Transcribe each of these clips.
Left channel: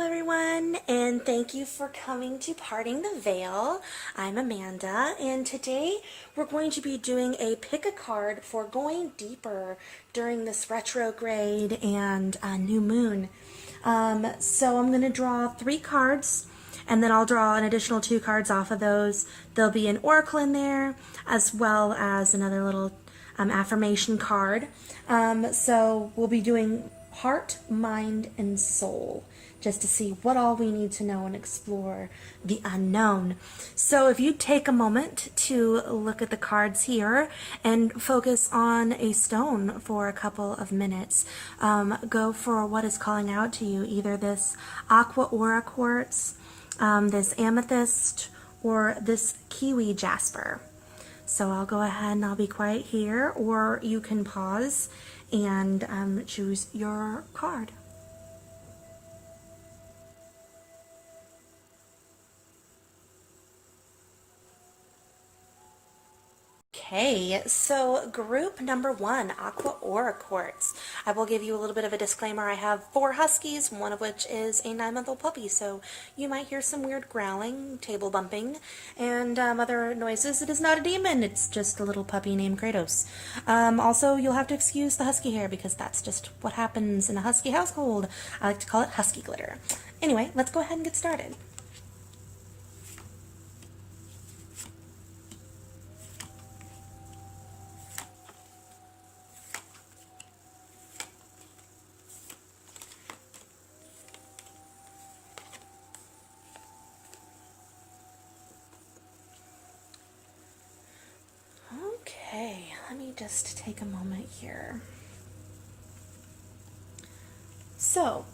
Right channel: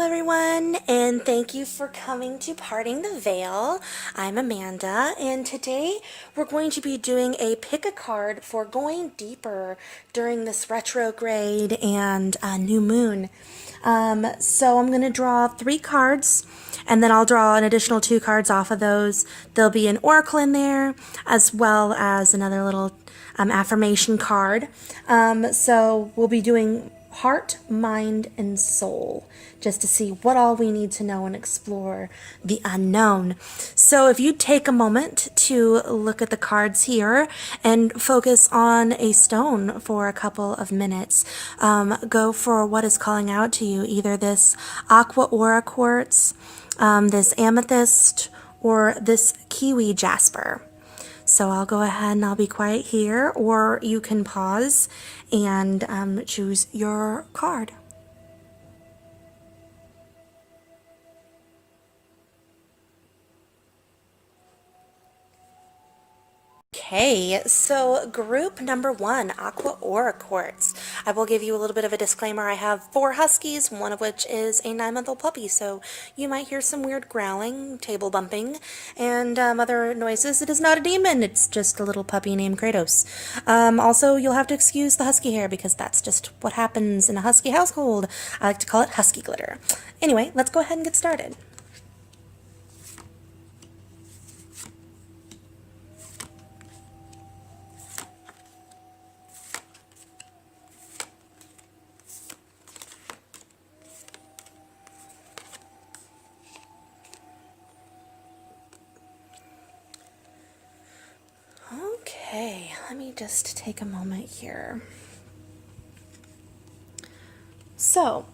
Hello everyone, and thank you for coming to Parting the Veil. I'm Amanda, and today we're going to be doing a pick a card for going deeper during this retrograde and new moon. So I'm going to draw 3 cards, and then I'll draw an additional 2 cards off of those. There'll be an oracle in there, as well as another little affirmation card. So we'll be doing heart, mind, and soul, just to see what all we need to know and explore the unknown. So if you take a moment to look at the cards here and focus on a stone for a couple of minutes, go for what is calling out to you, either this aqua aura quartz, this amethyst, or this kiwi jasper. So I'll go ahead and I'll be quiet here, or you can pause and choose your card. Okay, so group number 1, Aqua Aura Quartz. I will give you a little bit of a disclaimer. I have 4 huskies, one of which is a 9-month-old puppy, so you might hear some weird growling, table bumping, and other noises. It is not a demon, it's just a little puppy named Kratos. Also, you'll have to excuse the husky hair because that's just what happens in a husky household. I like to call it husky glitter. Anyway, let's go ahead and get started. Okay, let me just take a moment here. So,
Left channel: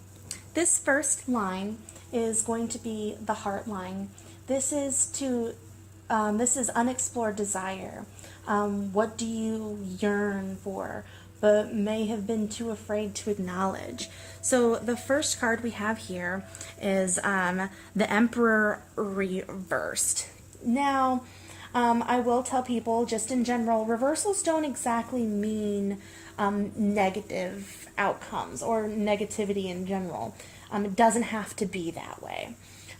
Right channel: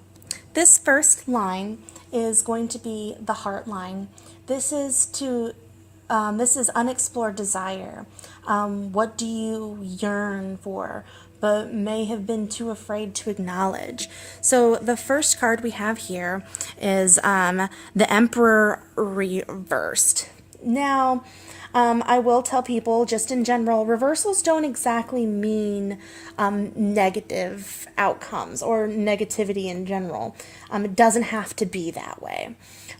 this first line is going to be the heart line. This is unexplored desire. What do you yearn for, but may have been too afraid to acknowledge? So the first card we have here is the Emperor reversed. Now, I will tell people, just in general, reversals don't exactly mean negative outcomes or negativity in general. It doesn't have to be that way.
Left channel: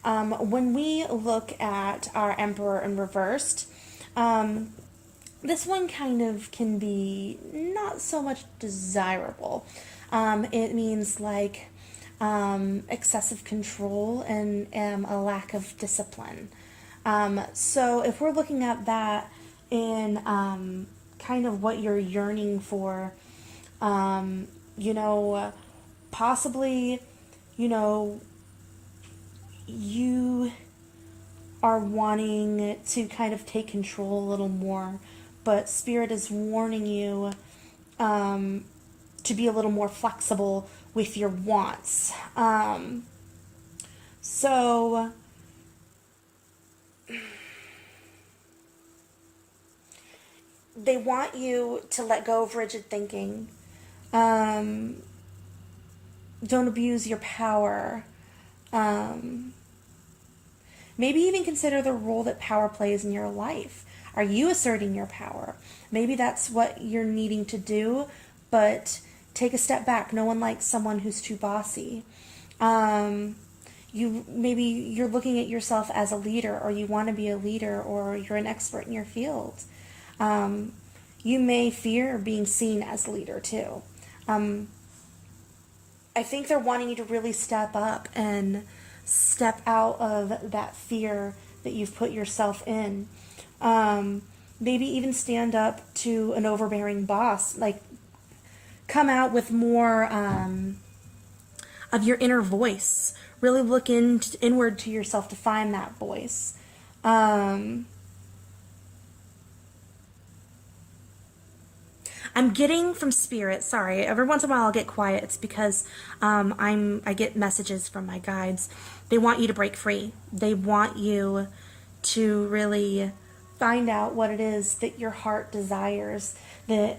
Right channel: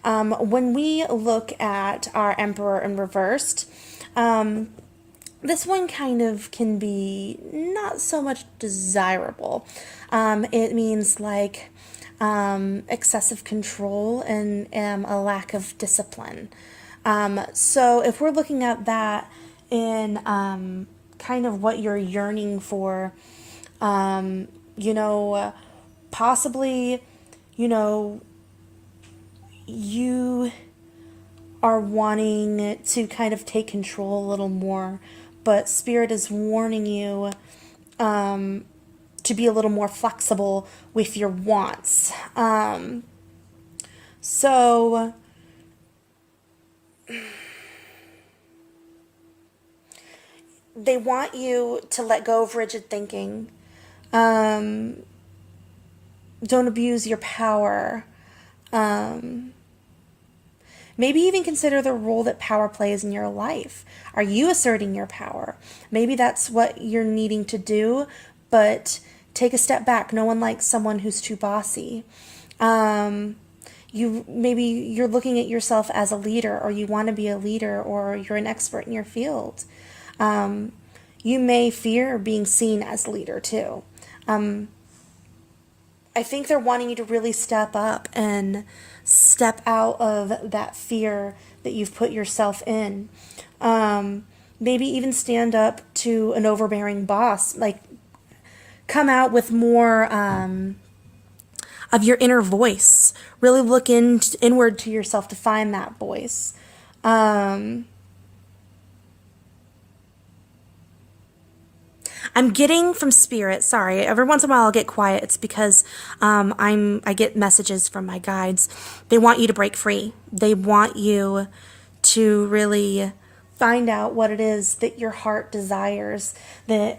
When we look at our Emperor in reversed, this one kind of can be not so much desirable. It means like excessive control and a lack of discipline. So if we're looking at that in kind of what you're yearning for, possibly, you are wanting to kind of take control a little more, but Spirit is warning you to be a little more flexible with your wants. So they want you to let go of rigid thinking. Don't abuse your power. Maybe even consider the role that power plays in your life. Are you asserting your power? Maybe that's what you're needing to do, but take a step back. No one likes someone who's too bossy. Maybe you're looking at yourself as a leader, or you want to be a leader, or you're an expert in your field. You may fear being seen as a leader too. I think they're wanting you to really step up and step out of that fear that you've put yourself in. Maybe even stand up to an overbearing boss. Like, come out with more of your inner voice. Really look inward to yourself to find that voice. I'm getting from Spirit, sorry, every once in a while I'll get quiet. It's because I get messages from my guides. They want you to break free. They want you to really find out what it is that your heart desires, that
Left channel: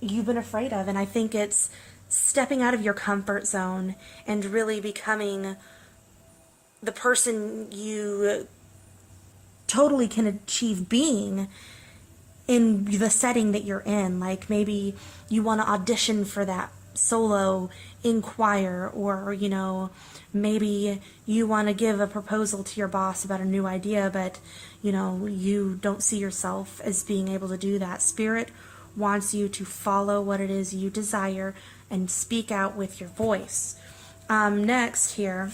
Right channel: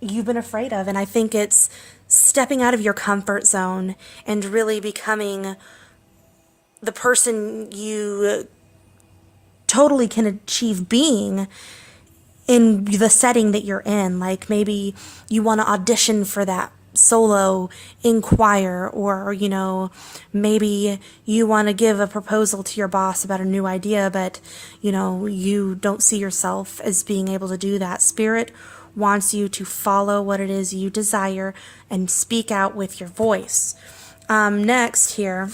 you've been afraid of. And I think it's stepping out of your comfort zone and really becoming the person you totally can achieve being in the setting that you're in. Like, maybe you want to audition for that solo inquire, or, maybe you want to give a proposal to your boss about a new idea, but, you don't see yourself as being able to do that. Spirit wants you to follow what it is you desire and speak out with your voice. Next here,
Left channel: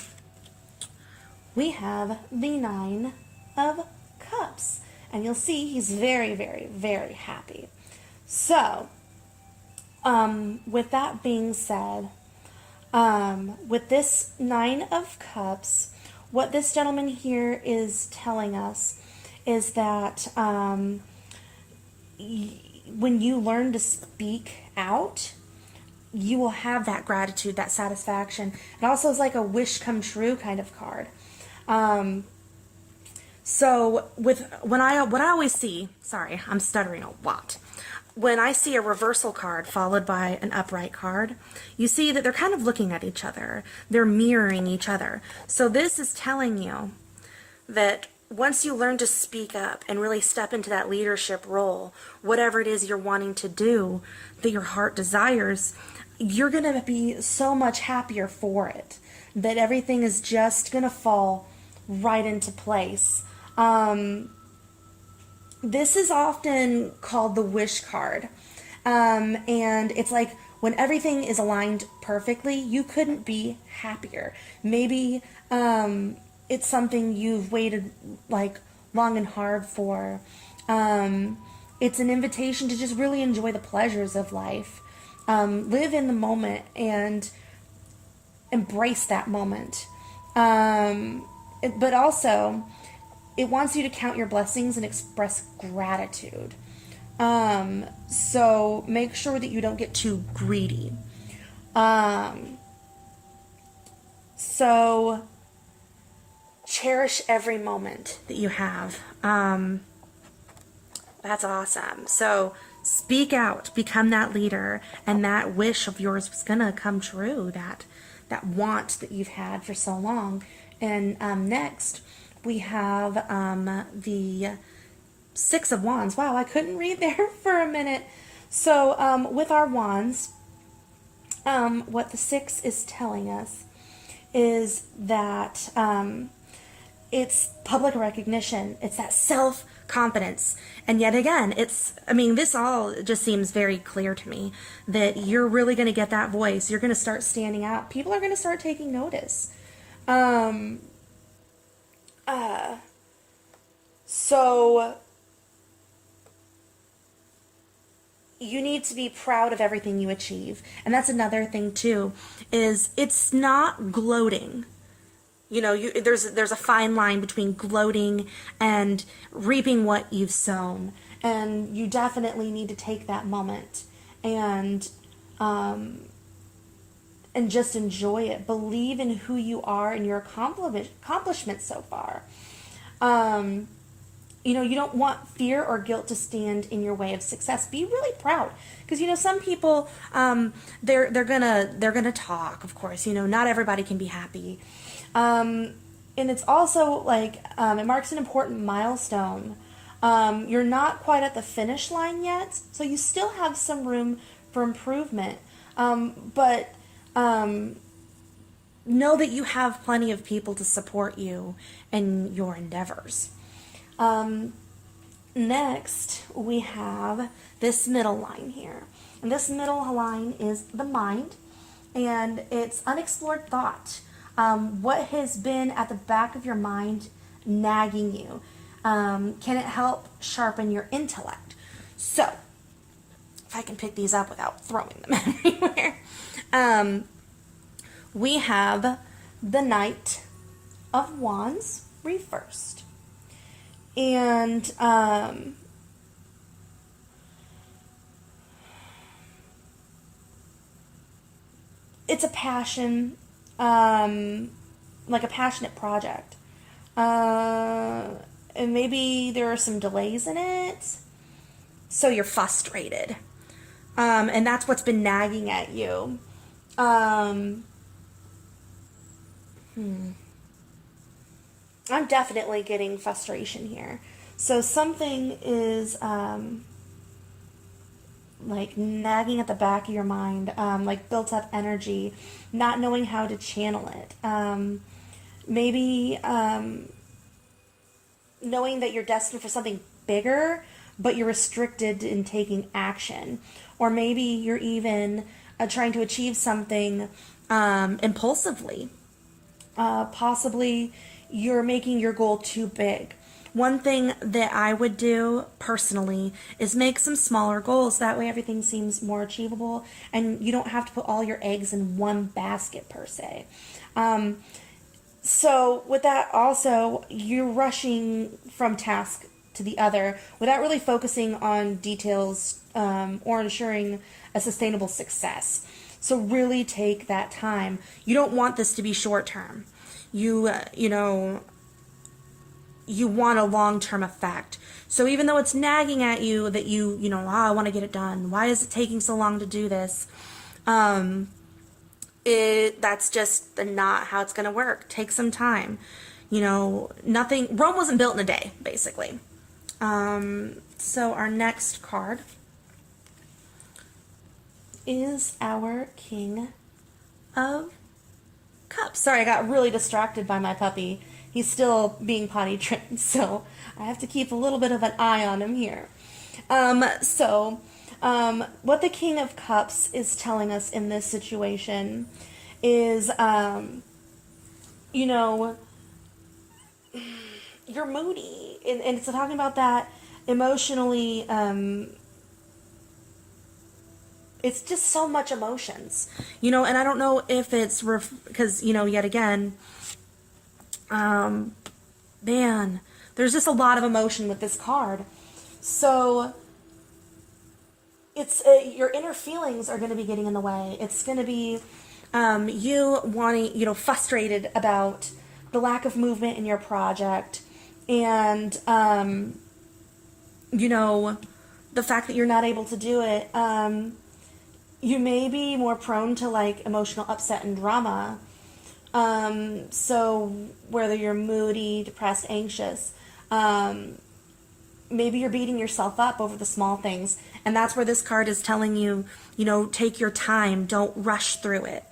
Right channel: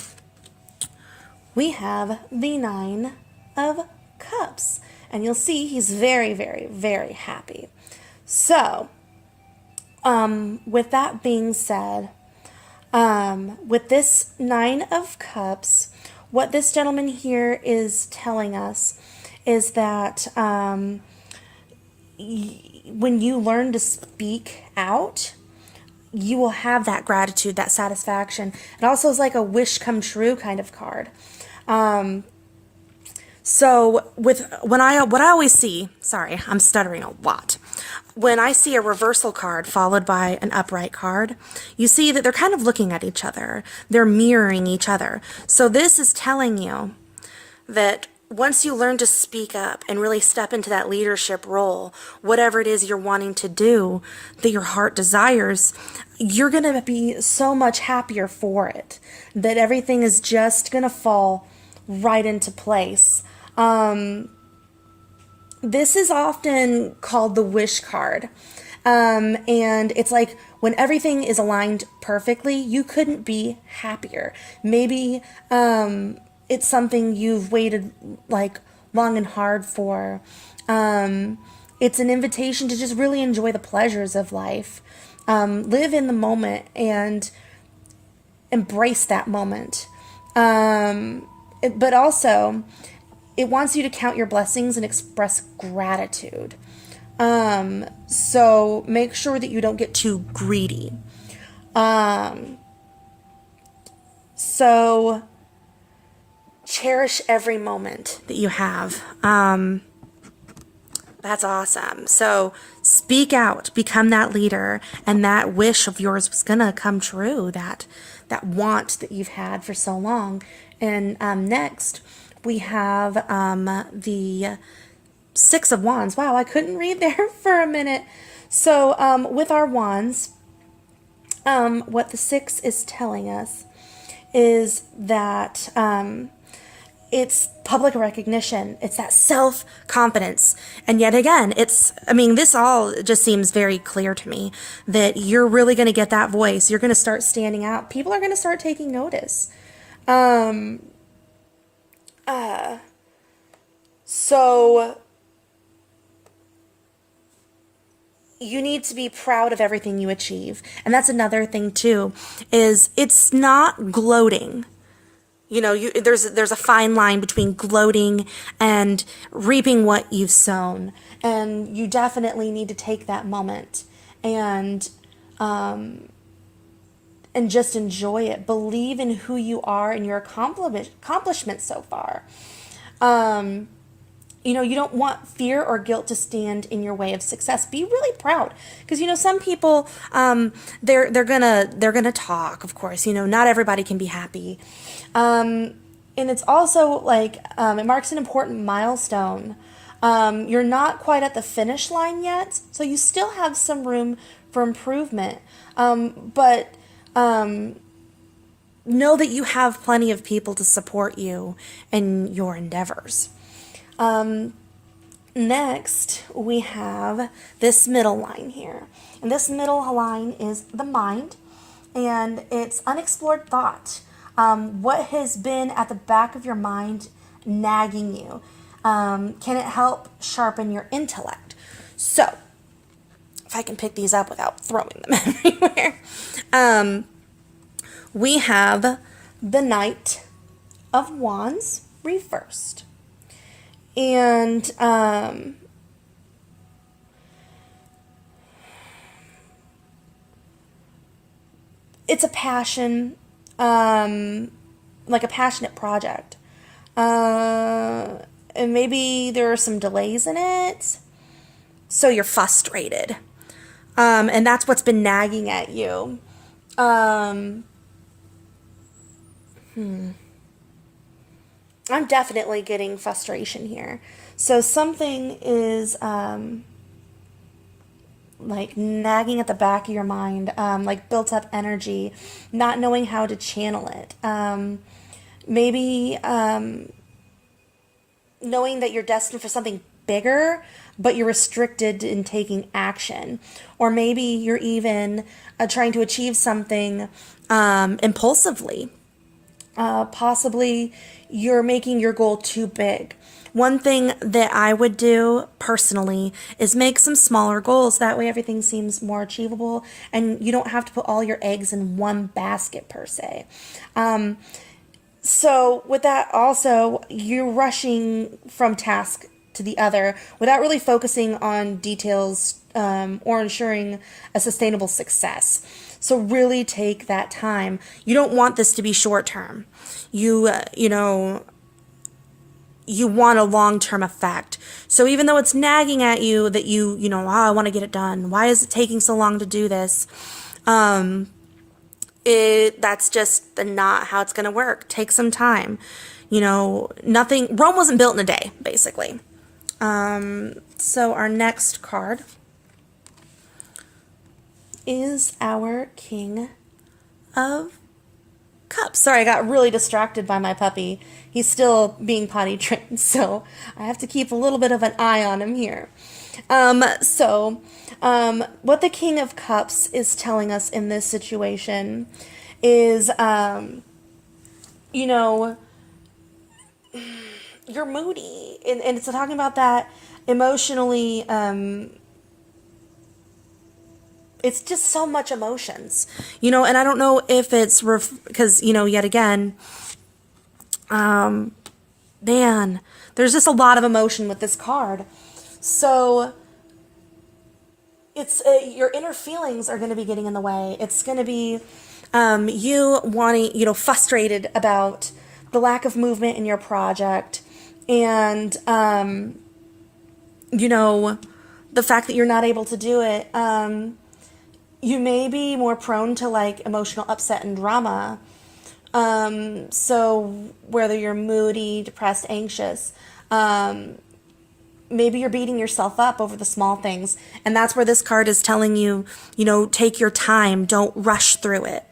we have the Nine of Cups. And you'll see he's very, very, very happy. So, with that being said, with this Nine of Cups, what this gentleman here is telling us is that when you learn to speak out, you will have that gratitude, that satisfaction. It also is like a wish come true kind of card. So what I always see, sorry, I'm stuttering a lot. When I see a reversal card followed by an upright card, you see that they're kind of looking at each other. They're mirroring each other. So this is telling you that once you learn to speak up and really step into that leadership role, whatever it is you're wanting to do, that your heart desires, you're going to be so much happier for it, that everything is just going to fall right into place. This is often called the wish card. And it's like when everything is aligned perfectly, you couldn't be happier. Maybe it's something you've waited like long and hard for. It's an invitation to just really enjoy the pleasures of life. Live in the moment and embrace that moment. But also, it wants you to count your blessings and express gratitude. So make sure that you don't get too greedy. So cherish every moment that you have. That's awesome. So speak out, become that leader, and that wish of yours was gonna come true, that want that you've had for so long. And next, we have the Six of Wands. Wow, I couldn't read there for a minute. So with our wands, what the Six is telling us is that it's public recognition. It's that self-confidence. And yet again, this all just seems very clear to me that you're really going to get that voice. You're going to start standing out. People are going to start taking notice. So you need to be proud of everything you achieve. And that's another thing too, is it's not gloating. There's a fine line between gloating and reaping what you've sown. And you definitely need to take that moment and just enjoy it. Believe in who you are and your accomplishments so far. You don't want fear or guilt to stand in your way of success. Be really proud, because some people they're gonna talk. Of course, not everybody can be happy, and it's also like it marks an important milestone. You're not quite at the finish line yet, so you still have some room for improvement. But know that you have plenty of people to support you in your endeavors. Next, we have this middle line here. And this middle line is the mind, and it's unexplored thought. What has been at the back of your mind nagging you? Can it help sharpen your intellect? So, if I can pick these up without throwing them everywhere. We have the Knight of Wands reversed. And it's a passion, like a passionate project. And maybe there are some delays in it, so you're frustrated. And that's what's been nagging at you. I'm definitely getting frustration here. So something is like nagging at the back of your mind, like built up energy, not knowing how to channel it. Maybe knowing that you're destined for something bigger, but you're restricted in taking action. Or maybe you're even trying to achieve something impulsively. Possibly you're making your goal too big. One thing that I would do personally is make some smaller goals. That way everything seems more achievable and you don't have to put all your eggs in one basket per se. So with that also, you're rushing from task to the other without really focusing on details or ensuring a sustainable success. So really take that time. You don't want this to be short term. You want a long-term effect. So even though it's nagging at you that I want to get it done. Why is it taking so long to do this? That's just not how it's going to work. Take some time. Rome wasn't built in a day, basically. So our next card is our King of Cups. Sorry, I got really distracted by my puppy. He's still being potty trained, so I have to keep a little bit of an eye on him here. What the King of Cups is telling us in this situation is, you're moody, and it's talking about that emotionally. It's just so much emotions, and I don't know if it's because, yet again, man, there's just a lot of emotion with this card. So it's your inner feelings are going to be getting in the way. It's going to be you wanting, frustrated about the lack of movement in your project, and the fact that you're not able to do it. You may be more prone to like emotional upset and drama. So whether you're moody, depressed, anxious, maybe you're beating yourself up over the small things. And that's where this card is telling you, take your time. Don't rush through it.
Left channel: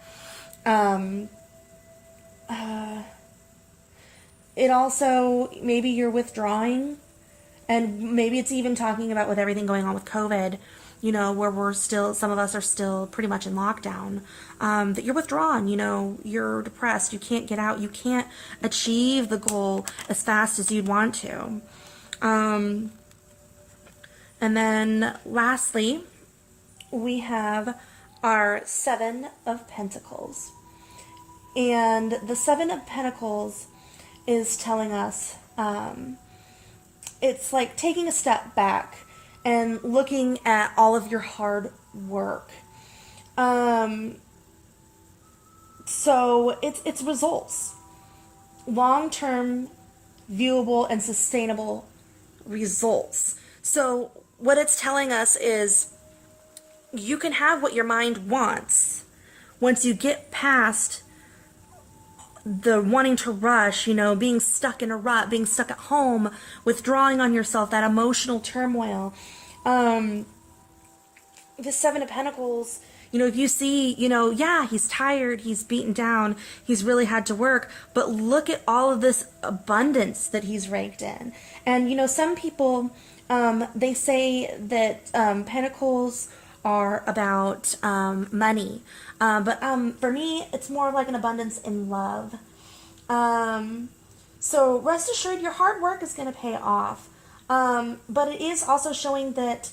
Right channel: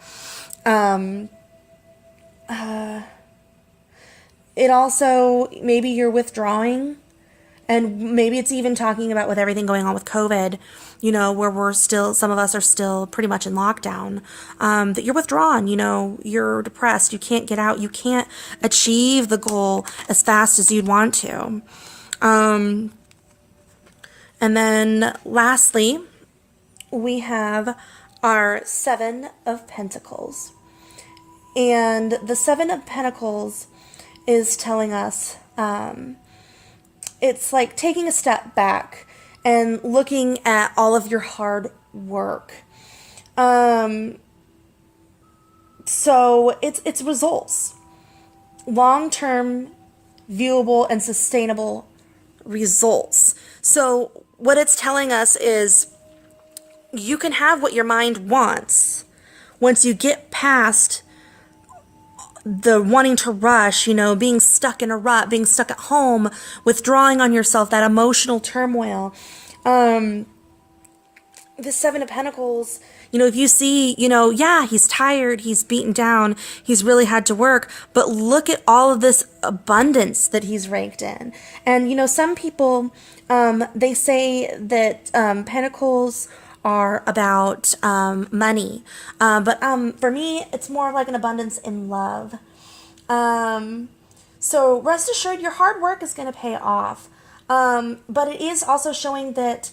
It also, maybe you're withdrawing. And maybe it's even talking about with everything going on with COVID, where some of us are still pretty much in lockdown, that you're withdrawn, you're depressed, you can't get out, you can't achieve the goal as fast as you'd want to. And then lastly, we have our Seven of Pentacles. And the Seven of Pentacles is telling us, it's like taking a step back and looking at all of your hard work. So it's results. Long-term, viewable, and sustainable results. So what it's telling us is you can have what your mind wants once you get past the wanting to rush, being stuck in a rut, being stuck at home, withdrawing on yourself, that emotional turmoil. The Seven of Pentacles, if you see, he's tired, he's beaten down, he's really had to work, but look at all of this abundance that he's raked in. And, some people, they say that Pentacles are about money. But for me, it's more like an abundance in love. So rest assured your hard work is going to pay off. But it is also showing that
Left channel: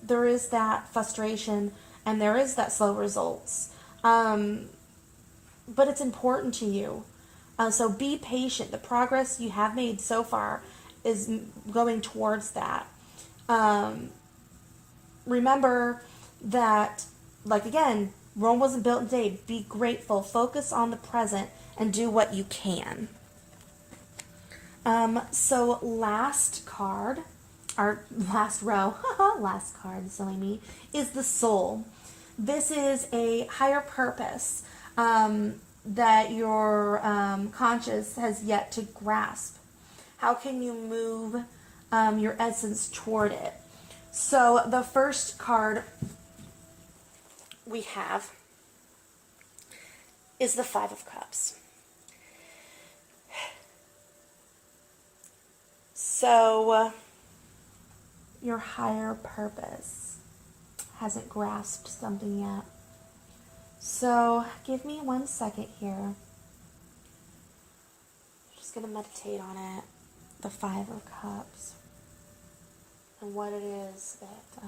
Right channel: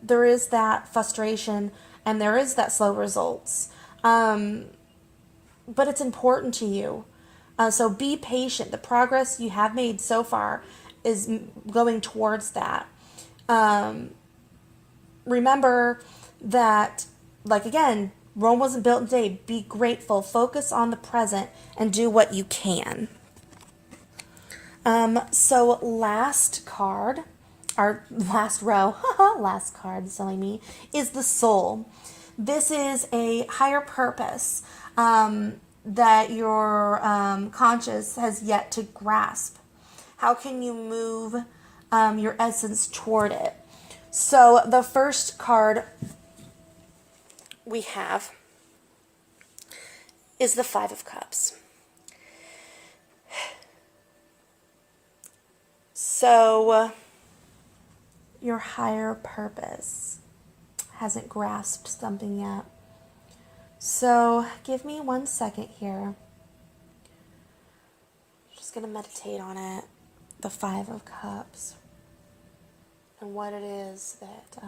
there is that frustration and there is that slow results. But it's important to you. So be patient. The progress you have made so far is going towards that. Remember that, like again, Rome wasn't built in a day. Be grateful, focus on the present, and do what you can. So last card, our last row, last card, silly me, is the Soul. This is a higher purpose that your conscious has yet to grasp. How can you move your essence toward it? So the first card we have is the Five of Cups. So your higher purpose hasn't grasped something yet. So give me 1 second here. Just going to meditate on it. The Five of Cups. And what it is that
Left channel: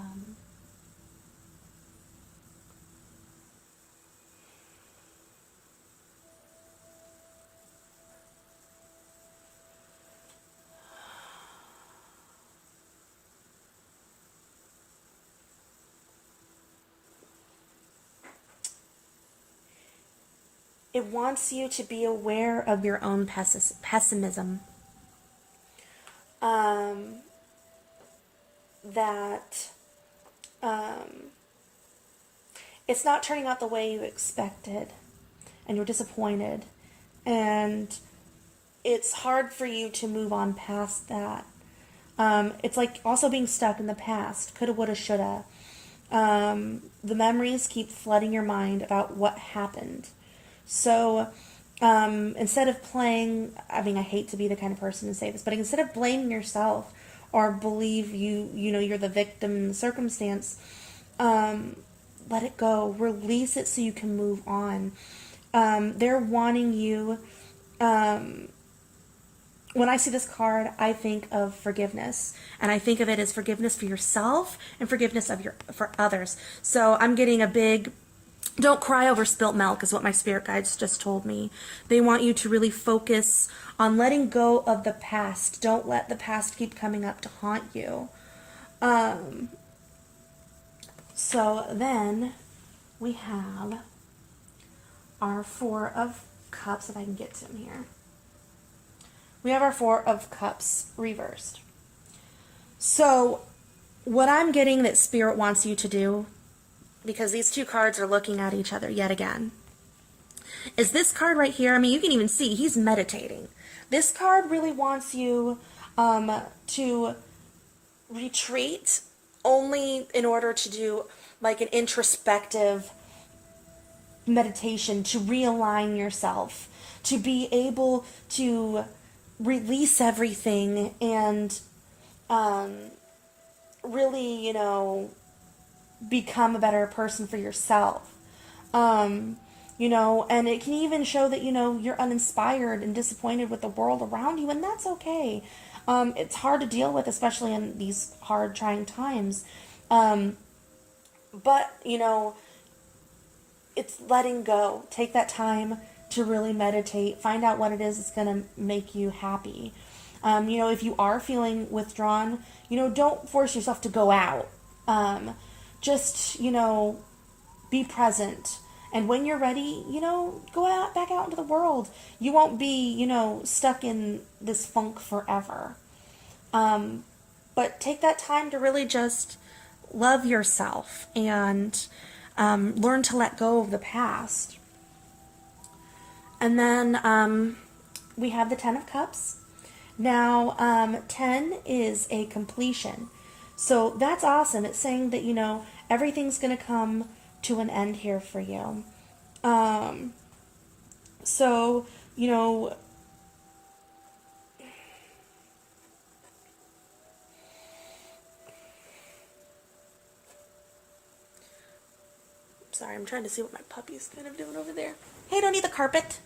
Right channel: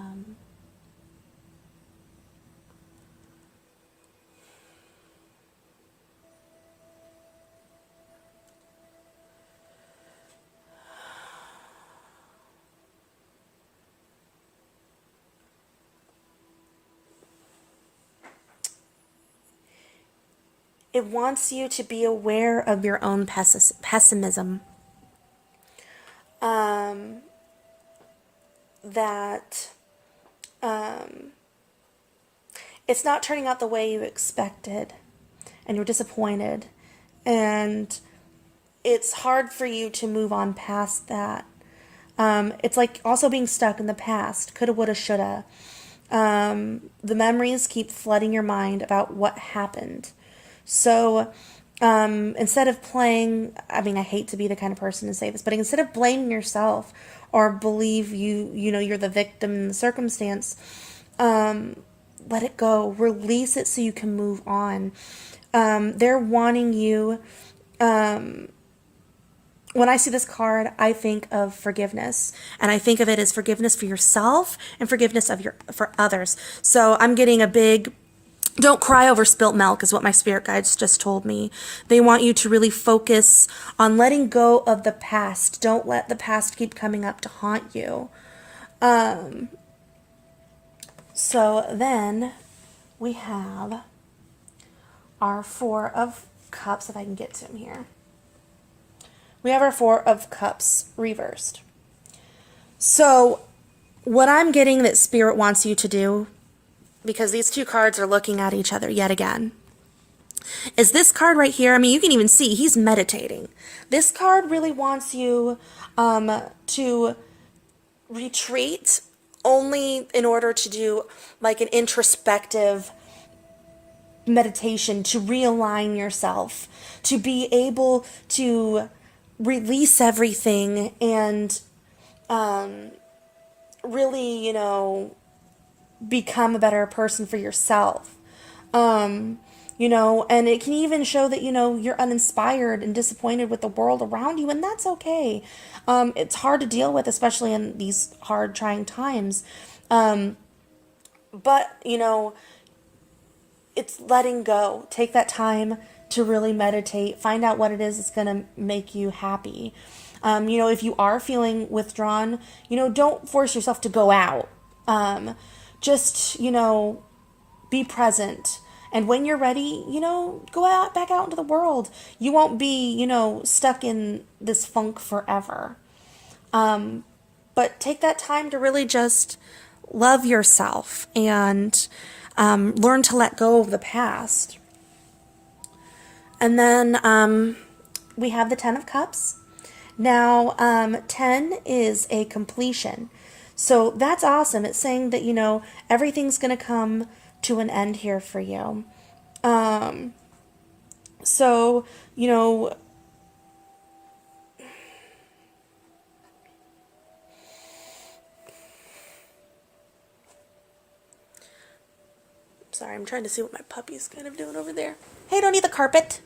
it wants you to be aware of your own pessimism. That it's not turning out the way you expected, and you're disappointed, and it's hard for you to move on past that. It's like also being stuck in the past. Coulda, woulda, shoulda. The memories keep flooding your mind about what happened. So instead of playing, I mean, I hate to be the kind of person to say this, but instead of blaming yourself or believe you're the victim in the circumstance, let it go. Release it so you can move on. They're wanting you. When I see this card, I think of forgiveness, and I think of it as forgiveness for yourself and forgiveness for others. So I'm getting a big, don't cry over spilt milk is what my spirit guides just told me. They want you to really focus on letting go of the past. Don't let the past keep coming up to haunt you. So then we have our Four of Cups, if I can get to them here. We have our Four of Cups reversed. So what I'm getting that Spirit wants you to do, because these two cards are looking at each other yet again, is this card right here. I mean, you can even see he's meditating. This card really wants you to retreat only in order to do like an introspective meditation, to realign yourself, to be able to release everything and really, become a better person for yourself. And it can even show that, you're uninspired and disappointed with the world around you, and that's okay. It's hard to deal with, especially in these hard, trying times. But, it's letting go. Take that time to really meditate. Find out what it is that's going to make you happy. If you are feeling withdrawn, don't force yourself to go out. Just, be present. And when you're ready, go back out into the world. You won't be, stuck in this funk forever. But take that time to really just love yourself and learn to let go of the past. And then we have the Ten of Cups. Now, 10 is a completion. So that's awesome. It's saying that, everything's going to come to an end here for you. So, sorry, I'm trying to see what my puppy's kind of doing over there. Hey, don't eat the carpet.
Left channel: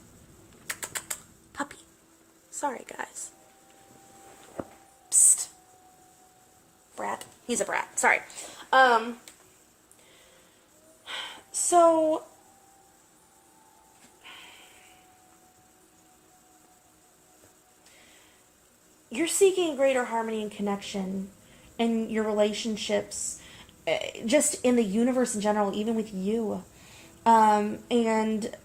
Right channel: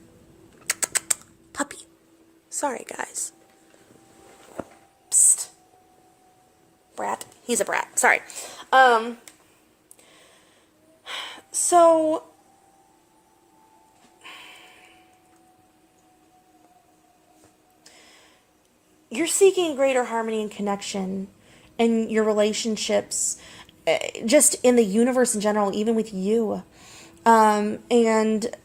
Puppy. Sorry, guys. Psst. Brat. He's a brat. Sorry. So you're seeking greater harmony and connection in your relationships, just in the universe in general, even with you. And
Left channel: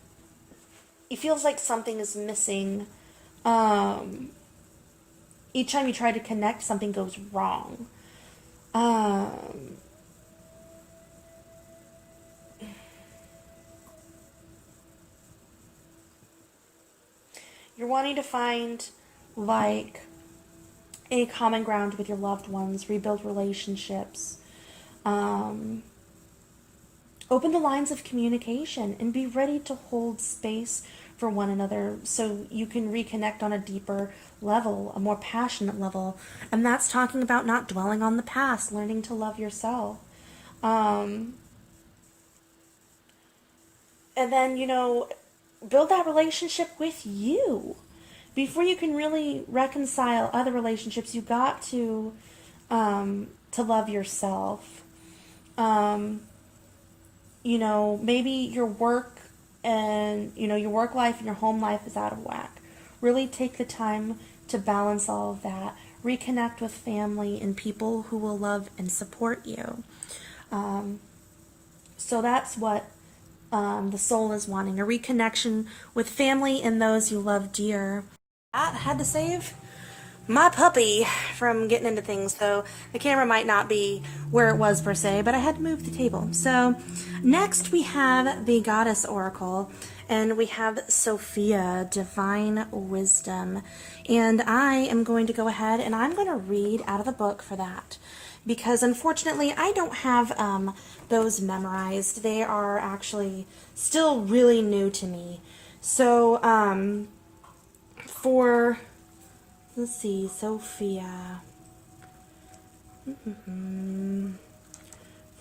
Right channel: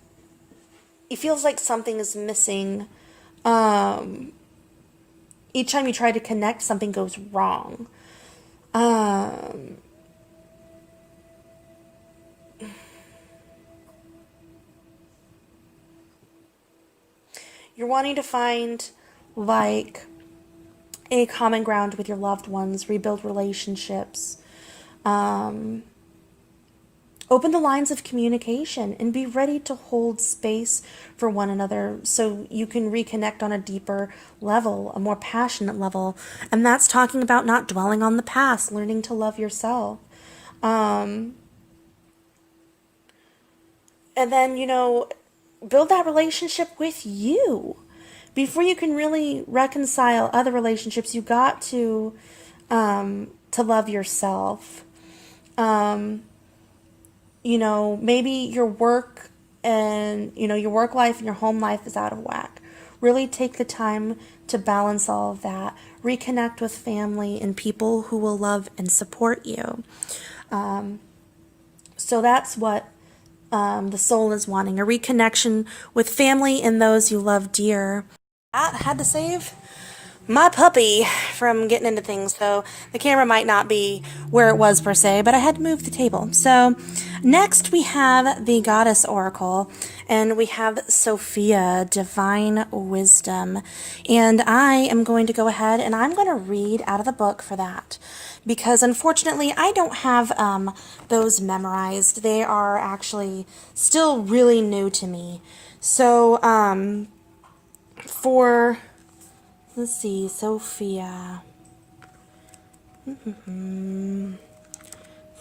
it feels like something is missing. Each time you try to connect, something goes wrong. You're wanting to find, like, a common ground with your loved ones, rebuild relationships, open the lines of communication, and be ready to hold space for one another so you can reconnect on a deeper level, a more passionate level. And that's talking about not dwelling on the past, learning to love yourself. And then, build that relationship with you. Before you can really reconcile other relationships, you got to love yourself. Maybe your work and, your work life and your home life is out of whack. Really take the time to balance all of that. Reconnect with family and people who will love and support you. So that's what the soul is wanting, a reconnection with family and those you love dear. I had to save my puppy from getting into things, so the camera might not be where it was per se, but I had to move the table. So next we have the Goddess Oracle, and we have Sophia, Divine Wisdom, and I am going to go ahead and I'm going to read out of the book for that, because unfortunately I don't have those memorized. They are actually still really new to me. So let's see, Sophia.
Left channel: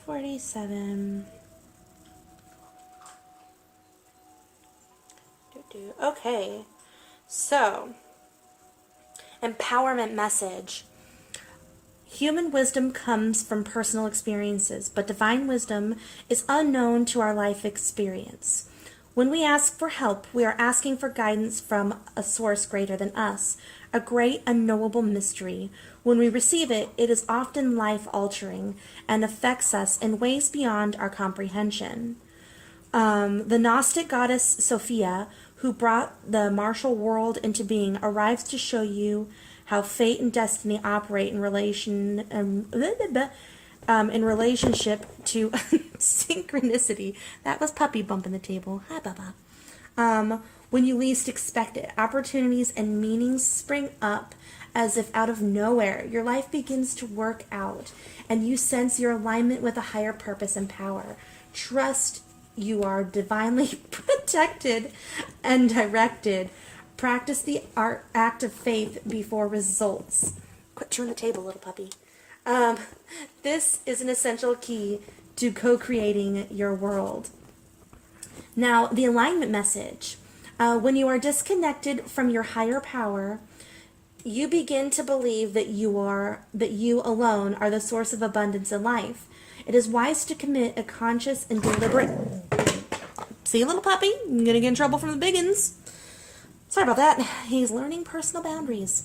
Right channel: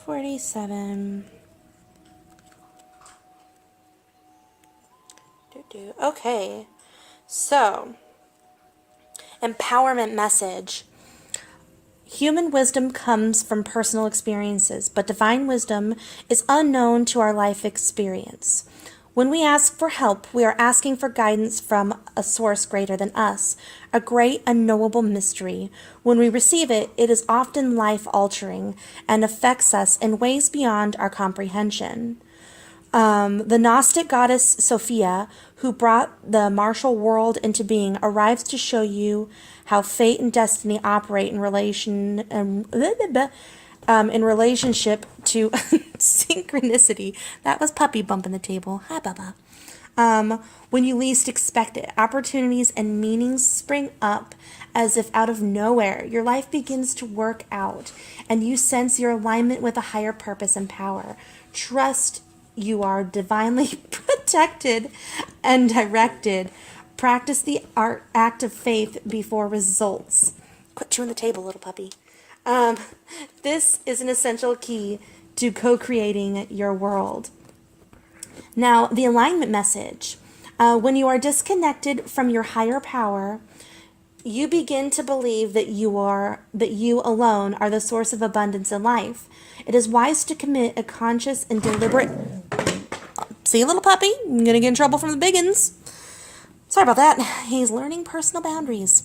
47. Okay, so empowerment message. Human wisdom comes from personal experiences, but divine wisdom is unknown to our life experience. When we ask for help, we are asking for guidance from a source greater than us, a great unknowable mystery. When we receive it, it is often life-altering and affects us in ways beyond our comprehension. The Gnostic goddess Sophia, who brought the martial world into being, arrives to show you how fate and destiny operate in relationship to synchronicity. That was Puppy bumping the table. Hi, Bubba. When you least expect it, opportunities and meanings spring up as if out of nowhere. Your life begins to work out, and you sense your alignment with a higher purpose and power. Trust you are divinely protected and directed. Practice the act of faith before results. Quit chewing the table, little puppy. This is an essential key to co-creating your world. Now, the alignment message. When you are disconnected from your higher power, you begin to believe that you alone are the source of abundance in life. It is wise to commit a conscious and deliberate... See, little puppy? I'm going to get in trouble from the biggins. Sorry about that. He's learning personal boundaries.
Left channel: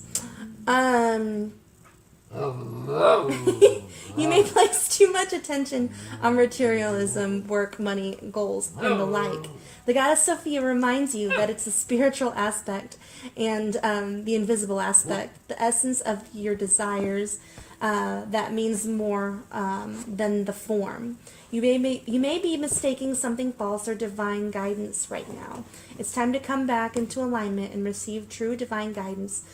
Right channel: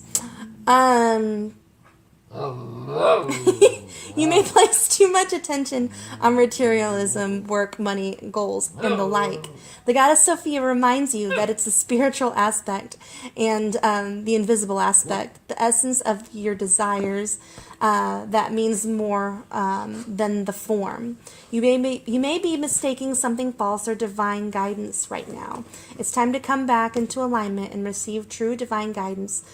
You may place too much attention on materialism, work, money, goals, and the like. The goddess Sophia reminds you that it's the spiritual aspect and the invisible aspect, the essence of your desires, that means more than the form. You may be mistaking something false or divine guidance right now. It's time to come back into alignment and receive true divine guidance,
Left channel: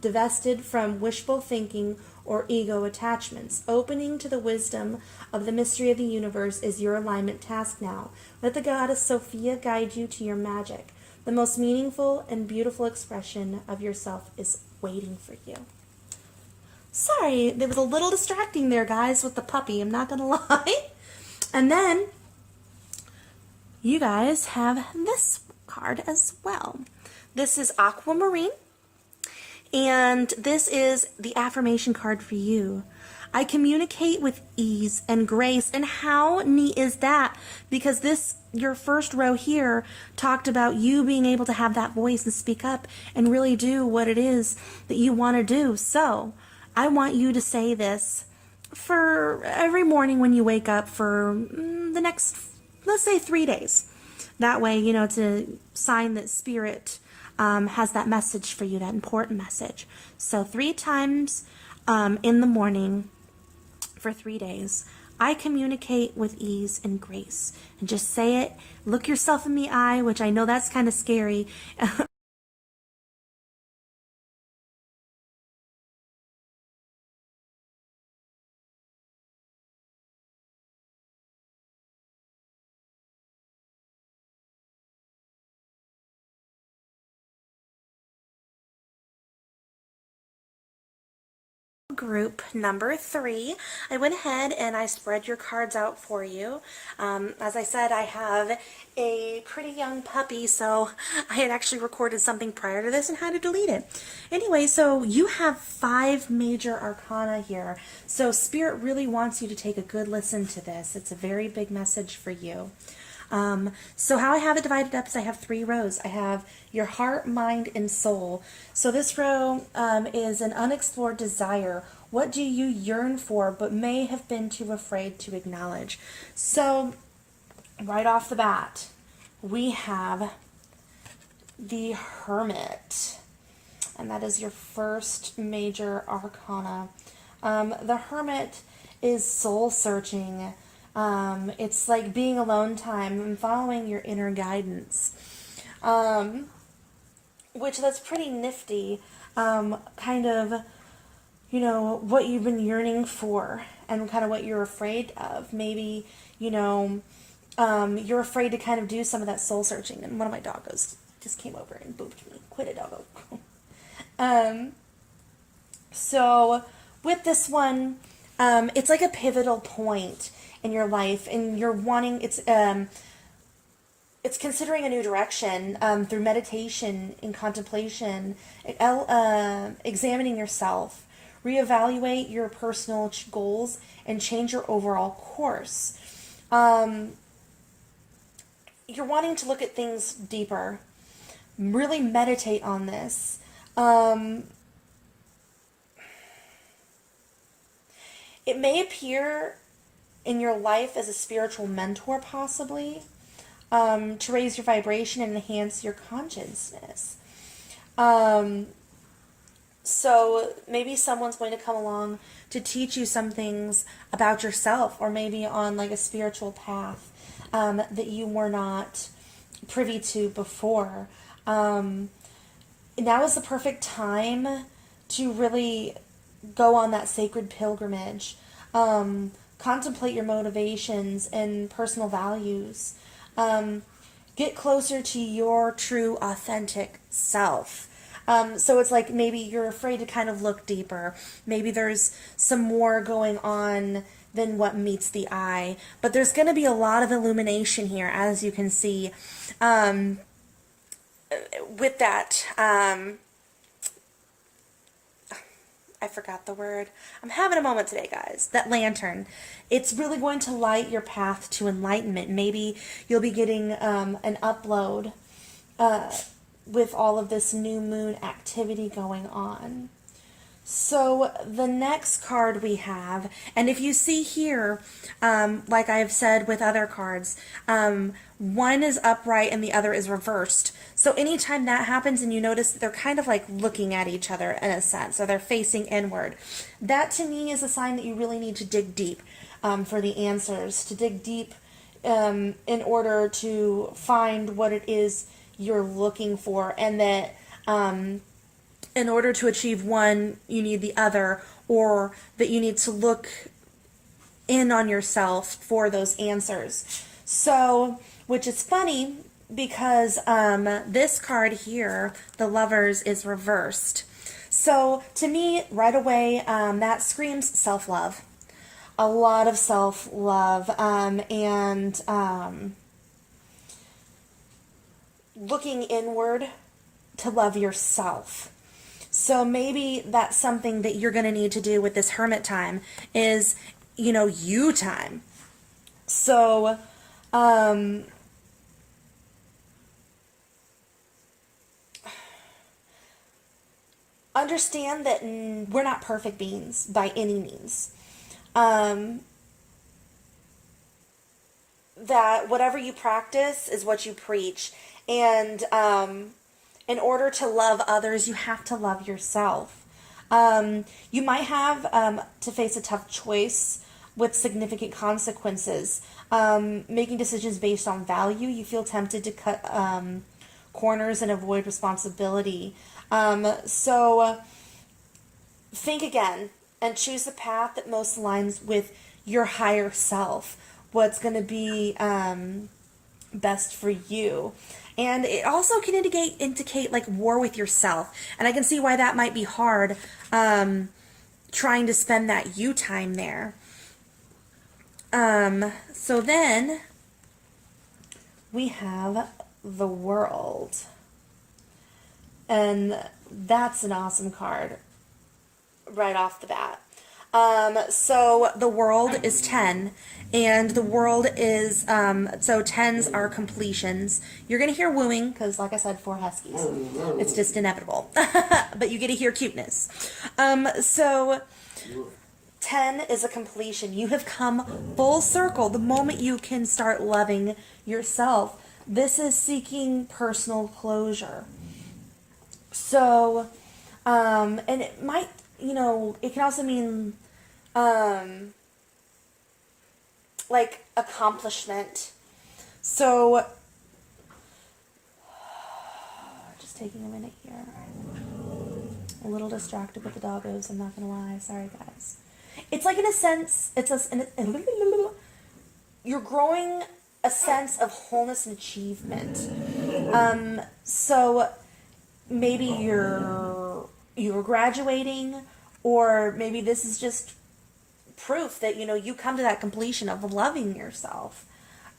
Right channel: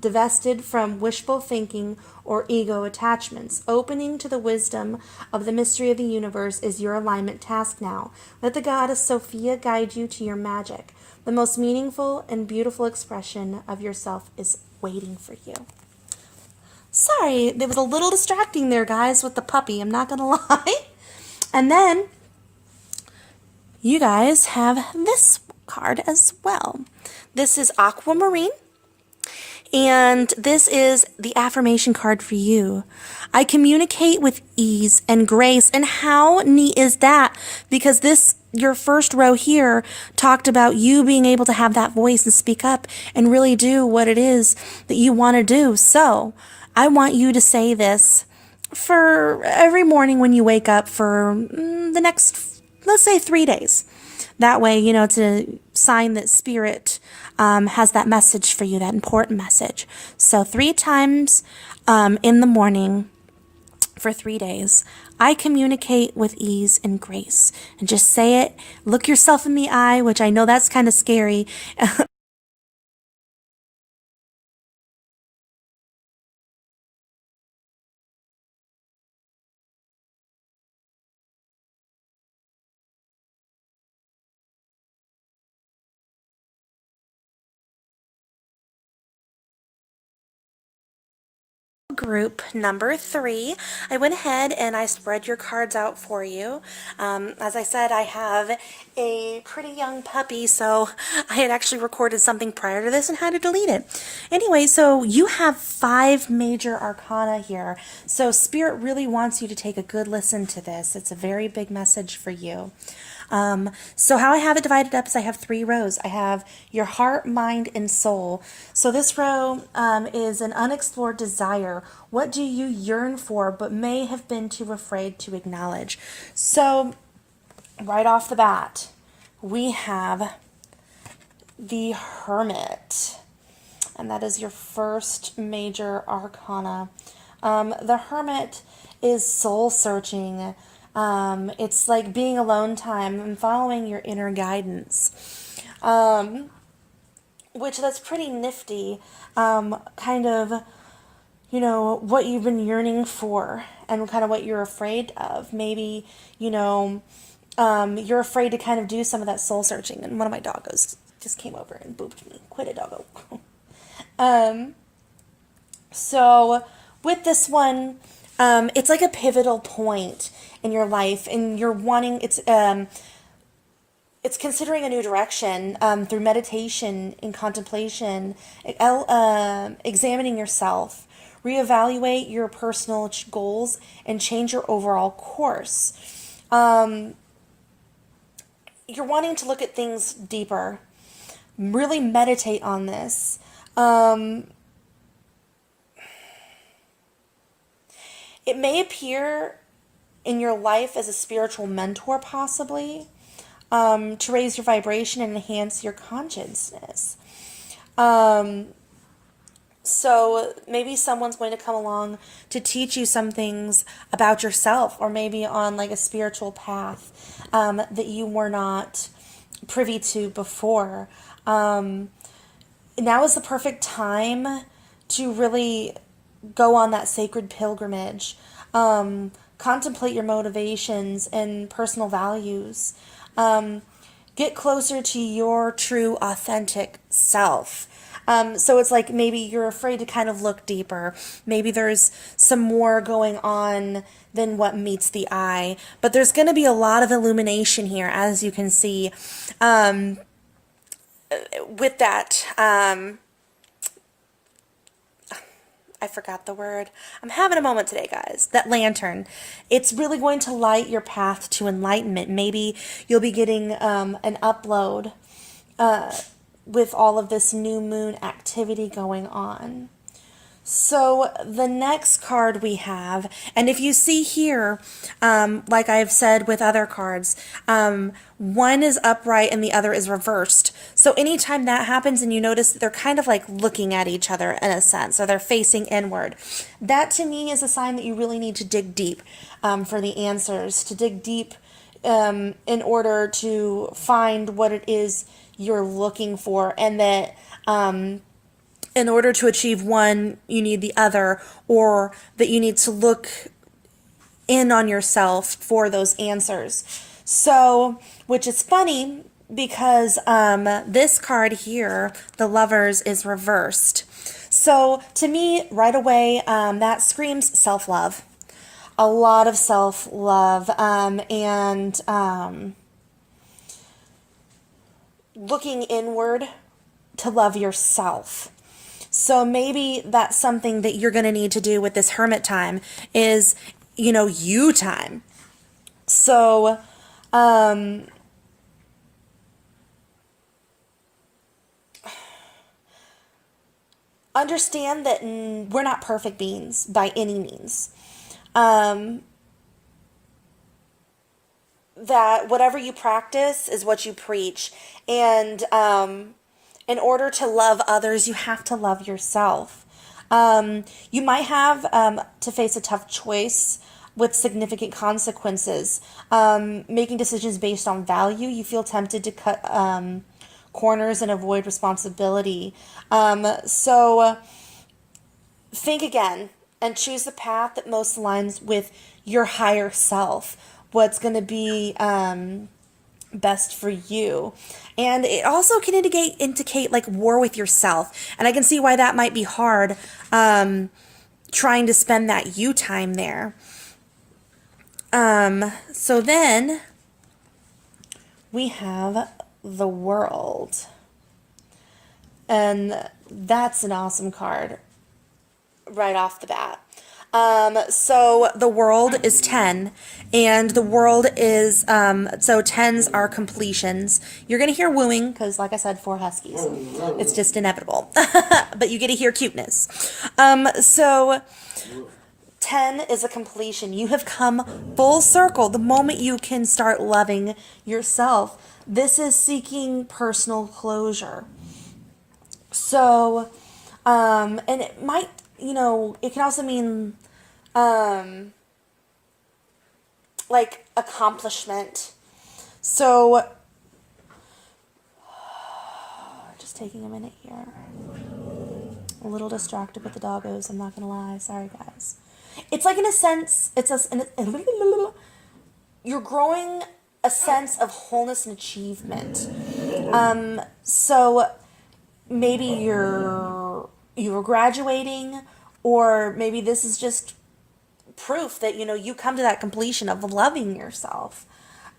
divested from wishful thinking or ego attachments. Opening to the wisdom of the mystery of the universe is your alignment task now. Let the goddess Sophia guide you to your magic. The most meaningful and beautiful expression of yourself is waiting for you. Sorry, there was a little distracting there, guys, with the puppy. I'm not going to lie. And then you guys have this card as well. This is Aquamarine. And this is the affirmation card for you. I communicate with ease and grace. And how neat is that? Because your first row here talked about you being able to have that voice and speak up and really do what it is that you want to do. So I want you to say this for every morning when you wake up for the next, let's say, 3 days. That way, it's a sign that Spirit has that message for you, that important message. So 3 times in the morning for 3 days, I communicate with ease and grace. And just say it. Look yourself in the eye, which I know that's kind of scary. group number 3. I went ahead and I spread your cards out for you. As I said, I have a pretty young puppy, so I had actually recorded something prior to this and had to delete it. Anyway, so you have 5 major arcana here. So Spirit really wants you to take a good listen to this. It's a very big message for you. So how I have it divided up is I have 3 rows. I have your heart, mind, and soul. So this row is an unexplored desire. What do you yearn for but may have been too afraid to acknowledge? So right off the bat, we have the Hermit. And that is your first major arcana. The Hermit is soul searching. It's like being alone time and following your inner guidance, which that's pretty nifty, kind of, what you've been yearning for and kind of what you're afraid of. Maybe, you're afraid to kind of do some of that soul searching. And one of my doggos just came over and booped me. Quit it, doggo. So with this one, it's like a pivotal point in your life, and you're wanting, it's considering a new direction through meditation and contemplation, examining yourself, reevaluate your personal goals, and change your overall course. You're wanting to look at things deeper, really meditate on this. It may appear in your life as a spiritual mentor, possibly, to raise your vibration and enhance your consciousness. So maybe someone's going to come along to teach you some things about yourself, or maybe on like a spiritual path that you were not privy to before. Now is the perfect time to really go on that sacred pilgrimage. Contemplate your motivations and personal values. Get closer to your true, authentic self. So it's like maybe you're afraid to kind of look deeper. Maybe there's some more going on than what meets the eye. But there's going to be a lot of illumination here, as you can see. With that, I forgot the word. I'm having a moment today, guys. That lantern. It's really going to light your path to enlightenment. Maybe you'll be getting an upload with all of this new moon activity going on. So the next card we have, and if you see here, like I've said with other cards, one is upright and the other is reversed. So anytime that happens and you notice that they're kind of like looking at each other in a sense, or they're facing inward, that to me is a sign that you really need to dig deep for the answers, to dig deep in order to find what it is you're looking for, and that in order to achieve one, you need the other, or that you need to look in on yourself for those answers. So, which is funny because this card here, the Lovers, is reversed. So to me, right away, that screams self-love. A lot of self-love and looking inward to love yourself. So maybe that's something that you're going to need to do with this hermit time is, you time. So, understand that we're not perfect beings by any means. That whatever you practice is what you preach. And, in order to love others, you have to love yourself. You might have to face a tough choice with significant consequences. Making decisions based on value, you feel tempted to cut corners and avoid responsibility. So think again and choose the path that most aligns with your higher self. What's going to be best for you. And it also can indicate like war with yourself. And I can see why that might be hard trying to spend that you time there. So then we have the World. And that's an awesome card right off the bat. So the World is 10, and the World is, so 10s are completions. You're going to hear wooing, because like I said, 4 huskies. It's just inevitable. But you get to hear cuteness. So 10 is a completion. You have come full circle the moment you can start loving yourself. This is seeking personal closure. So, and it might, it can also mean, like accomplishment. So, just taking a minute here. A little distracted with the doggos, I'm not gonna lie. Sorry, guys. It's like, in a sense, you're growing a sense of wholeness and achievement. So maybe you're graduating, or maybe this is just proof that you come to that completion of loving yourself,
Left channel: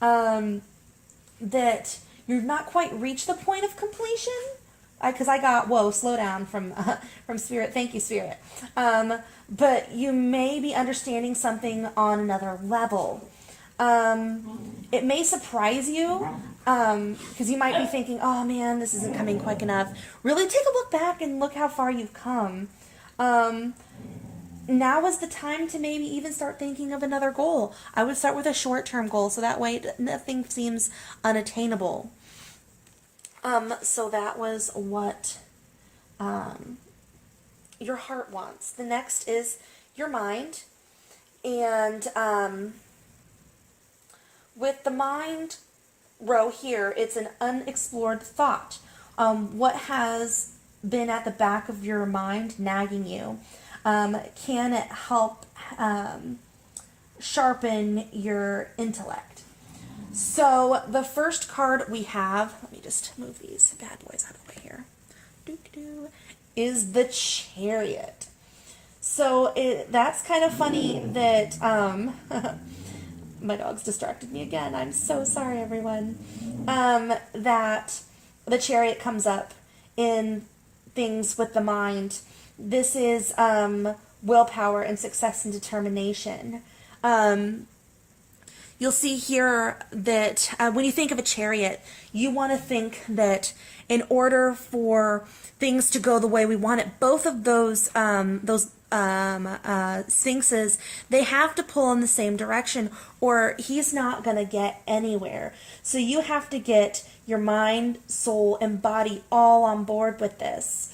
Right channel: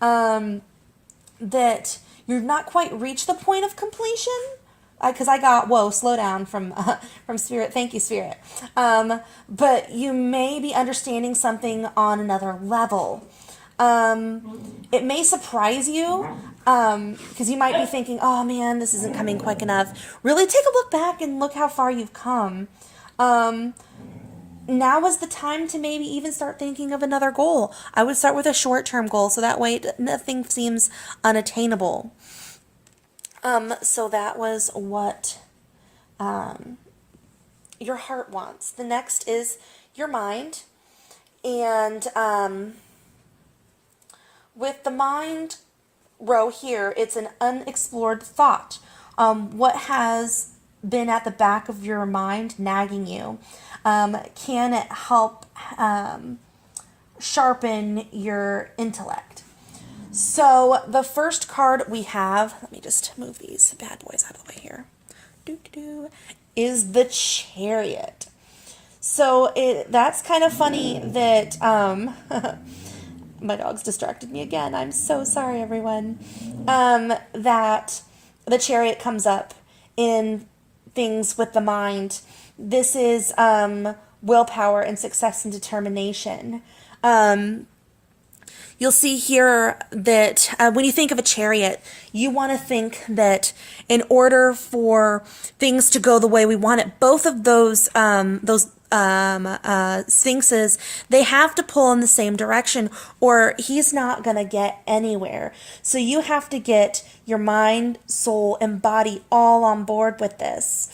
that you're not quite reached the point of completion, because I got slow down from Spirit. Thank you, Spirit. But you may be understanding something on another level. It may surprise you, because you might be thinking, oh man, this isn't coming quick enough. Really take a look back and look how far you've come. Now is the time to maybe even start thinking of another goal. I would start with a short-term goal, so that way nothing seems unattainable. So that was what your heart wants. The next is your mind. And with the mind row here, it's an unexplored thought. What has been at the back of your mind nagging you? Can it help sharpen your intellect? So the first card we have, let me just move these bad boys out of the way here, is the Chariot. So that's kind of funny that, my dog's distracted me again. I'm so sorry, everyone. That the Chariot comes up in things with the mind. This is willpower and success and determination. You'll see here that when you think of a chariot, you want to think that in order for things to go the way we want it, both of those sphinxes, they have to pull in the same direction, or he's not going to get anywhere. So you have to get your mind, soul, and body all on board with this.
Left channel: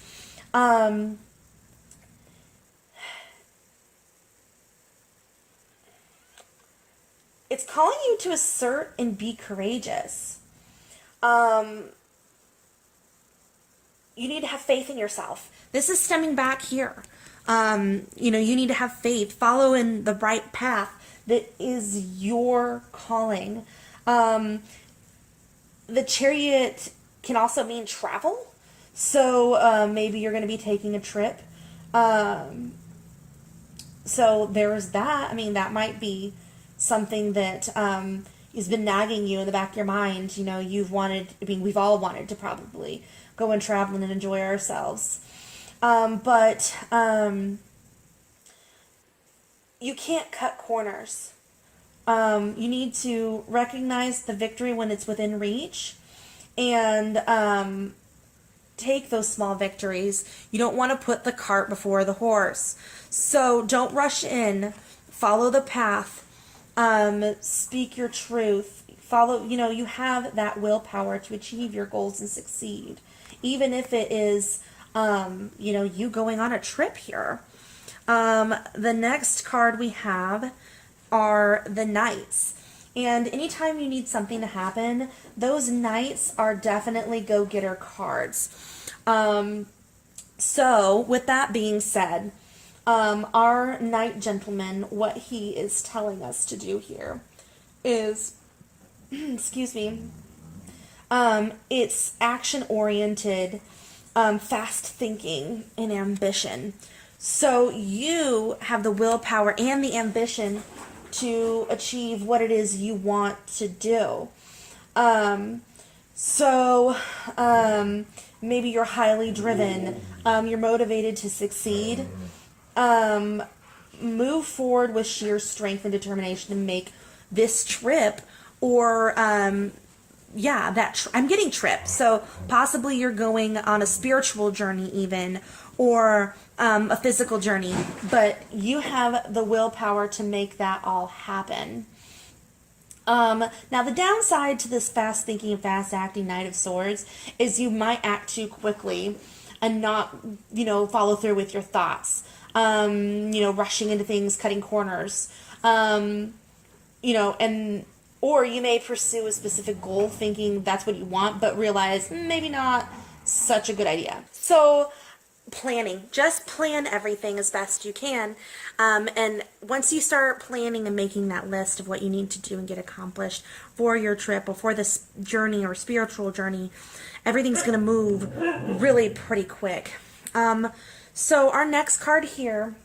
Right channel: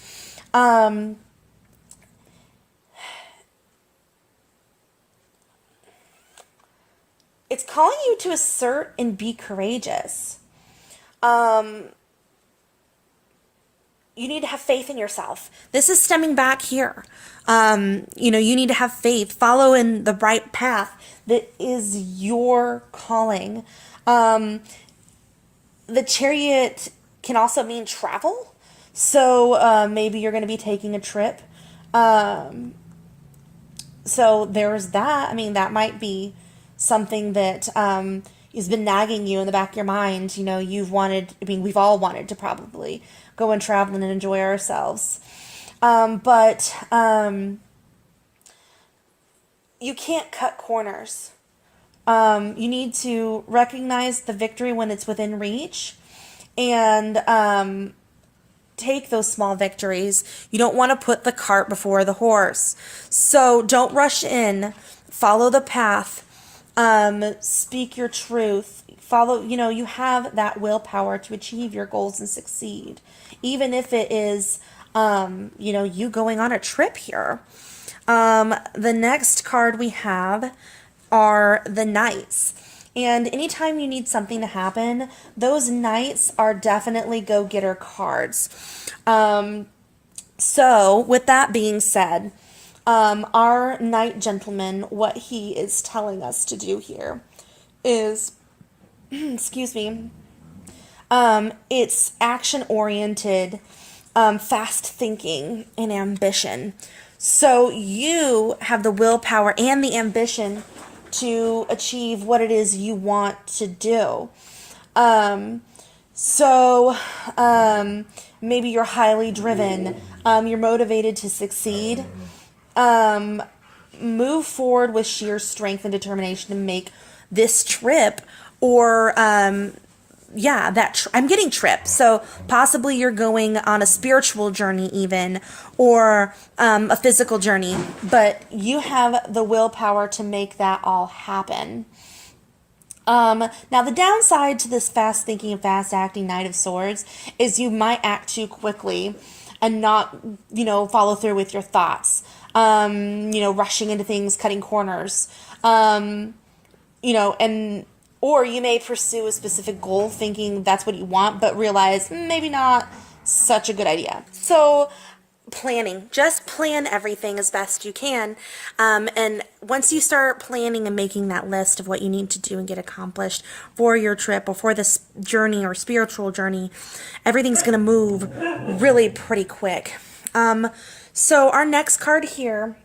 It's calling you to assert and be courageous. You need to have faith in yourself. This is stemming back here. You need to have faith. Follow in the right path that is your calling. The Chariot can also mean travel. So maybe you're going to be taking a trip. So there's that. I mean, that might be something that has been nagging you in the back of your mind. We've all wanted to probably go and travel and enjoy ourselves. But you can't cut corners. You need to recognize the victory when it's within reach, and take those small victories. You don't want to put the cart before the horse. So don't rush in. Follow the path. Speak your truth. Follow, you have that willpower to achieve your goals and succeed. Even if it is, you going on a trip here. The next card we have are the Knights. And anytime you need something to happen, those Knights are definitely go-getter cards. So with that being said, our Knight Gentleman, what he is telling us to do here is, excuse me, it's action-oriented, fast thinking, and ambition. So you have the willpower and the ambition to achieve what it is you want to do. Um, so maybe you're highly driven, you're motivated to succeed. Um, Move forward with sheer strength and determination to make this trip, or yeah, I'm getting trip. So possibly you're going on a spiritual journey, even, or a physical journey, but you have the willpower to make that all happen. Now, the downside to this fast thinking and fast acting Knight of Swords is you might act too quickly and not, follow through with your thoughts. Rushing into things, cutting corners. And or you may pursue a specific goal thinking that's what you want, but realize maybe not such a good idea. So planning, just plan everything as best you can. And once you start planning and making that list of what you need to do and get accomplished for your trip or for this journey or spiritual journey, everything's going to move really pretty quick. So our next card here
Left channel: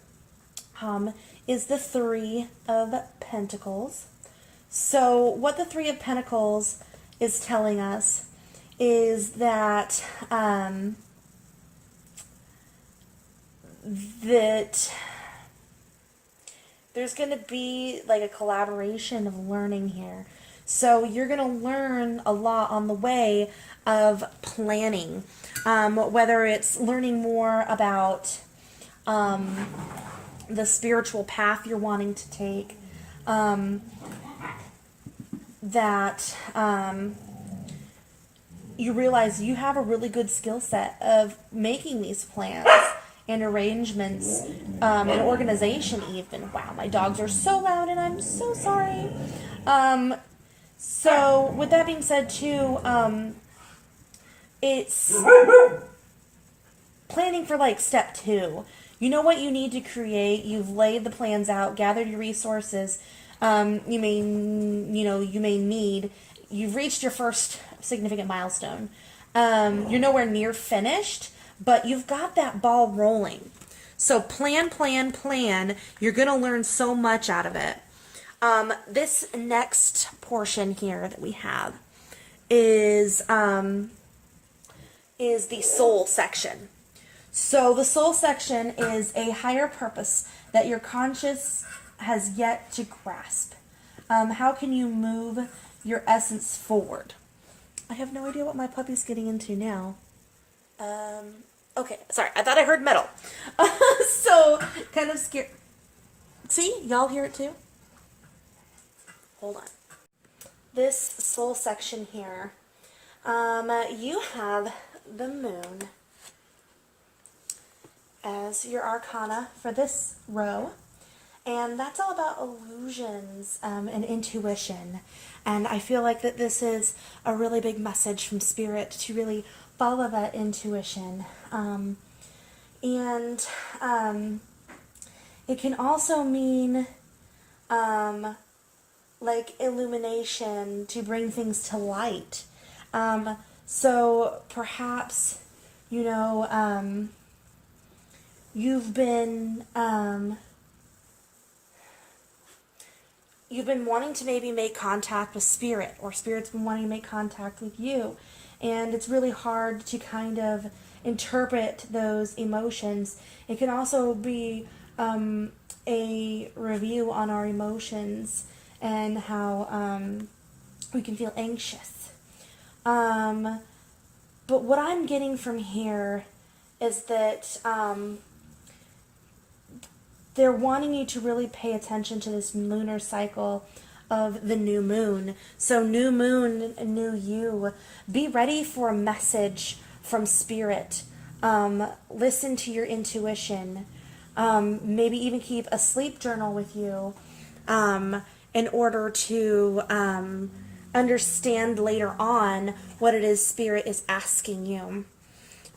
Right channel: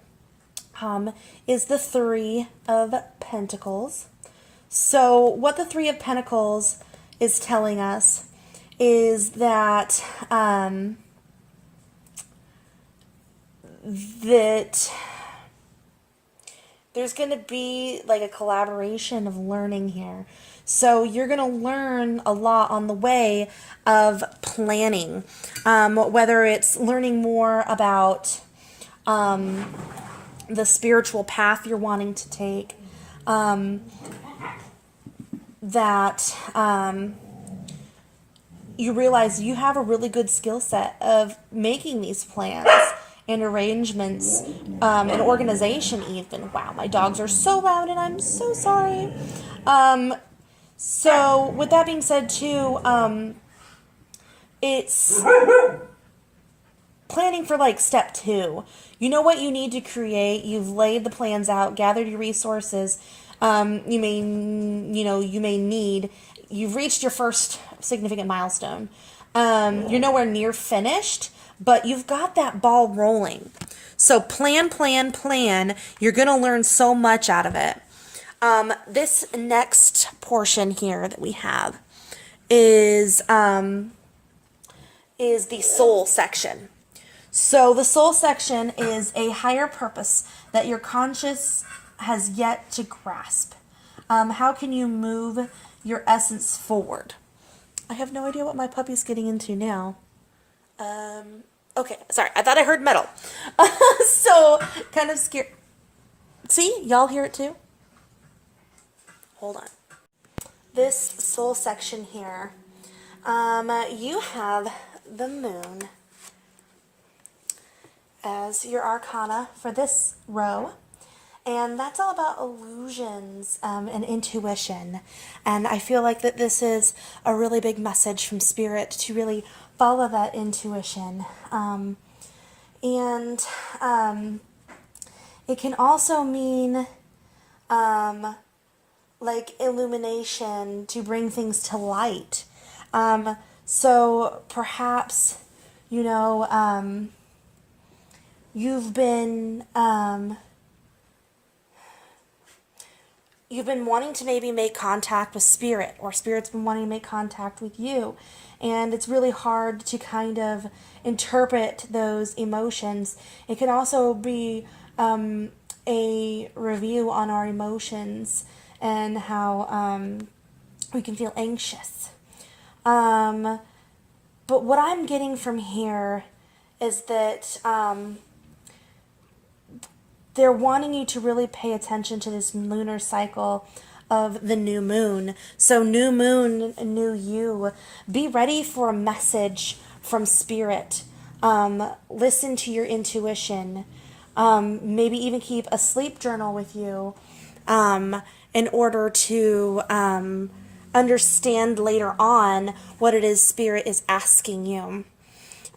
is the Three of Pentacles. So what the Three of Pentacles is telling us is that that there's going to be like a collaboration of learning here. So you're going to learn a lot on the way of planning, whether it's learning more about the spiritual path you're wanting to take, that you realize you have a really good skill set of making these plans and arrangements, and organization even. Wow, my dogs are so loud and I'm so sorry. So with that being said too, it's planning for like step 2. You know what you need to create. You've laid the plans out, gathered your resources. You may need. You've reached your first significant milestone. You're nowhere near finished, but you've got that ball rolling. So plan. You're going to learn so much out of it. This next portion here that we have is the soul section. So the soul section is a higher purpose that your conscious has yet to grasp. How can you move your essence forward? I have no idea what my puppy's getting into now. Okay, sorry, I thought I heard metal. So, kind of scared. See, y'all hear it too? Hold on. This soul section here, you have the moon as your arcana for this row. And that's all about illusions and intuition. And I feel like that this is a really big message from Spirit to really follow that intuition. It can also mean like illumination to bring things to light. So perhaps, you've been wanting to maybe make contact with Spirit, or Spirit's been wanting to make contact with you, and it's really hard to kind of interpret those emotions. It can also be a review on our emotions and how we can feel anxious. But what I'm getting from here is that they're wanting you to really pay attention to this lunar cycle of the new moon. So new moon, new you. Be ready for a message from Spirit. Listen to your intuition. Maybe even keep a sleep journal with you in order to understand later on what it is Spirit is asking you.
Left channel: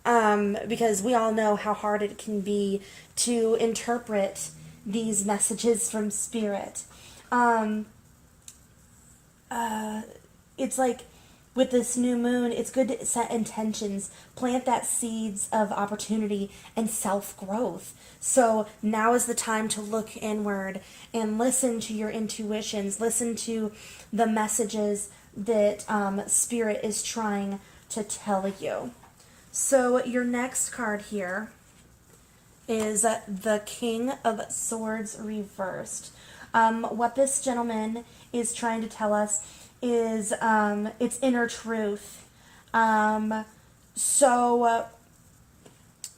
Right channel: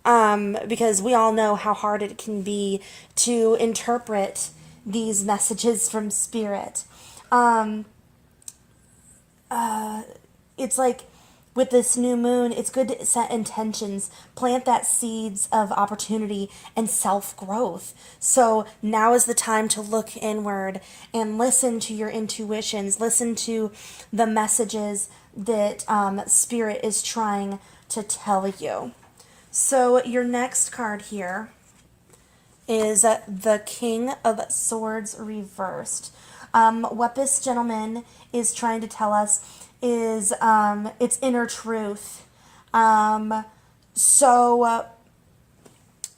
Because we all know how hard it can be to interpret these messages from Spirit. It's like with this new moon, it's good to set intentions, plant that seeds of opportunity and self growth. So now is the time to look inward and listen to your intuitions, listen to the messages that Spirit is trying to tell you. So your next card here is the King of Swords reversed. What this gentleman is trying to tell us is its inner truth. So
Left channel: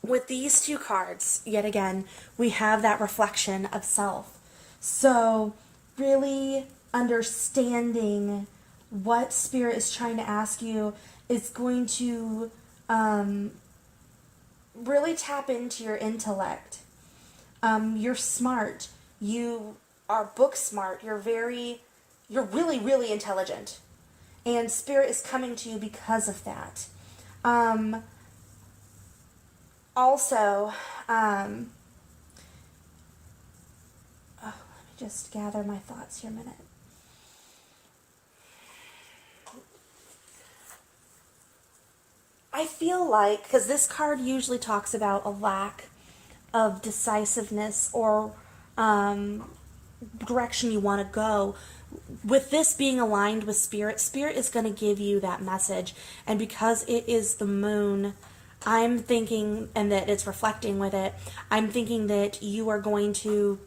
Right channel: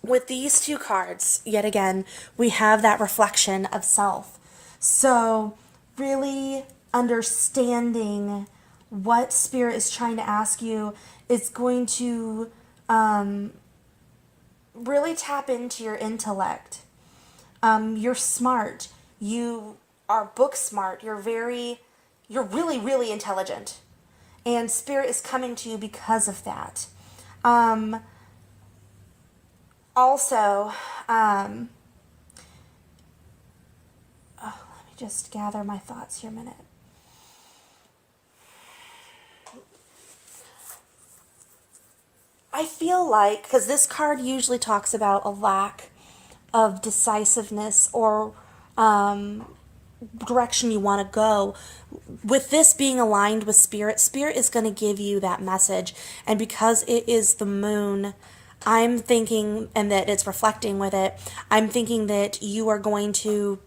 with these two cards, yet again, we have that reflection of self. So really understanding what Spirit is trying to ask you is going to really tap into your intellect. You're smart. You are book smart. You're really, really intelligent. And Spirit is coming to you because of that. Also, let me just gather my thoughts here a minute. I feel like, because this card usually talks about a lack of decisiveness or direction you want to go, with this being aligned with Spirit, Spirit is going to give you that message. And because it is the moon, I'm thinking, and that it's reflecting with it, I'm thinking that you are going to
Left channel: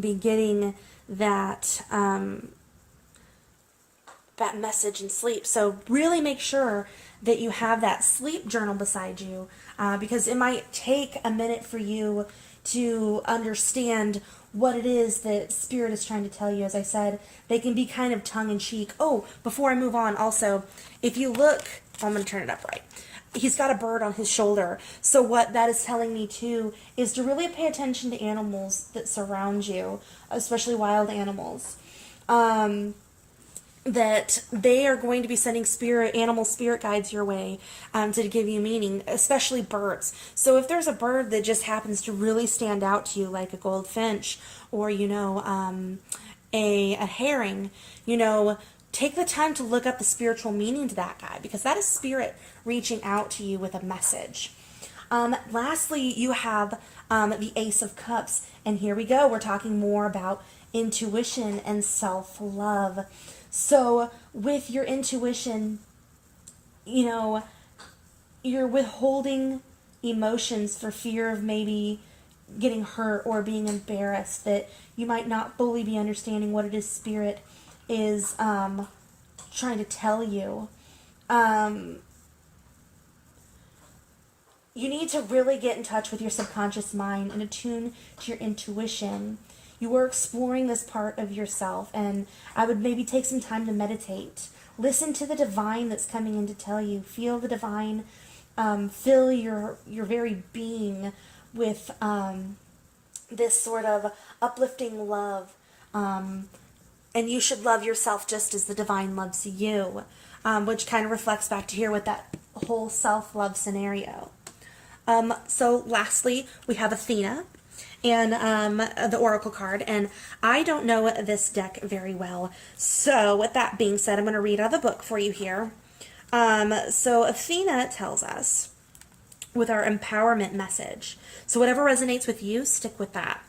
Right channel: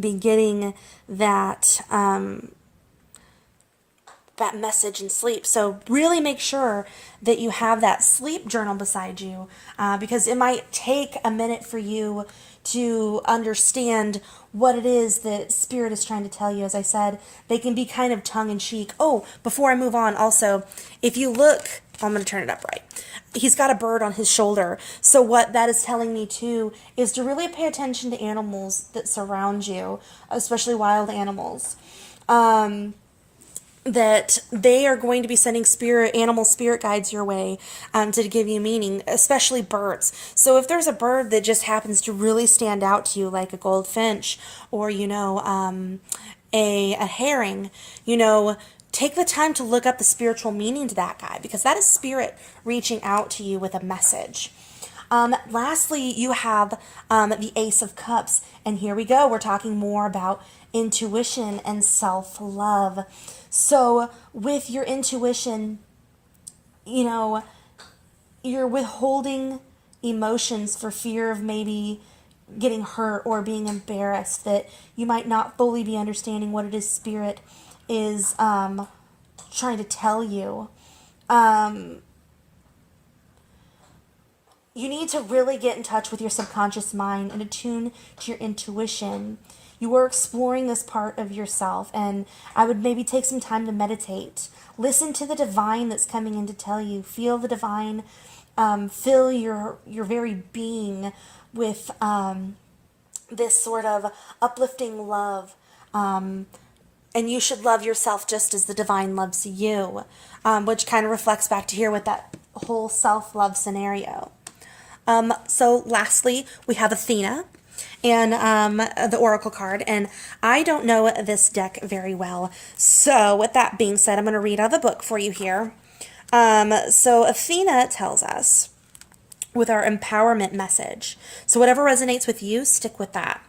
be getting that that message in sleep. So really make sure that you have that sleep journal beside you, because it might take a minute for you to understand what it is that Spirit is trying to tell you. As I said, they can be kind of tongue-in-cheek. Oh, before I move on, also, if you look, I'm going to turn it up right. He's got a bird on his shoulder. So what that is telling me too is to really pay attention to animals that surround you, especially wild animals. That they are going to be sending animal spirit guides your way, to give you meaning, especially birds. So if there's a bird that just happens to really stand out to you, like a goldfinch or, a herring, take the time to look up the spiritual meaning to that guy, because that is Spirit reaching out to you with a message. Lastly, you have the Ace of Cups. And here we go. We're talking more about intuition and self-love. So with your intuition, you're withholding emotions for fear of maybe getting hurt or being embarrassed, that you might not fully be understanding what it is Spirit is trying to tell you. You need to really get in touch with your subconscious mind and attune to your intuition. You are exploring this part of yourself, and I would maybe take some time to meditate. Listen to the divine that's coming in to tell you. Feel the divine. Fill your very being with this sort of uplifting love. And you should love yourself just as the divine loves you, which kind of reflects back to here with that whole self-love scenario. So lastly, we have Athena and the Oracle card, and I don't know this deck very well. So with that being said, I'm going to read out of the book for you here. So Athena tells us with our empowerment message. So whatever resonates with you, stick with that.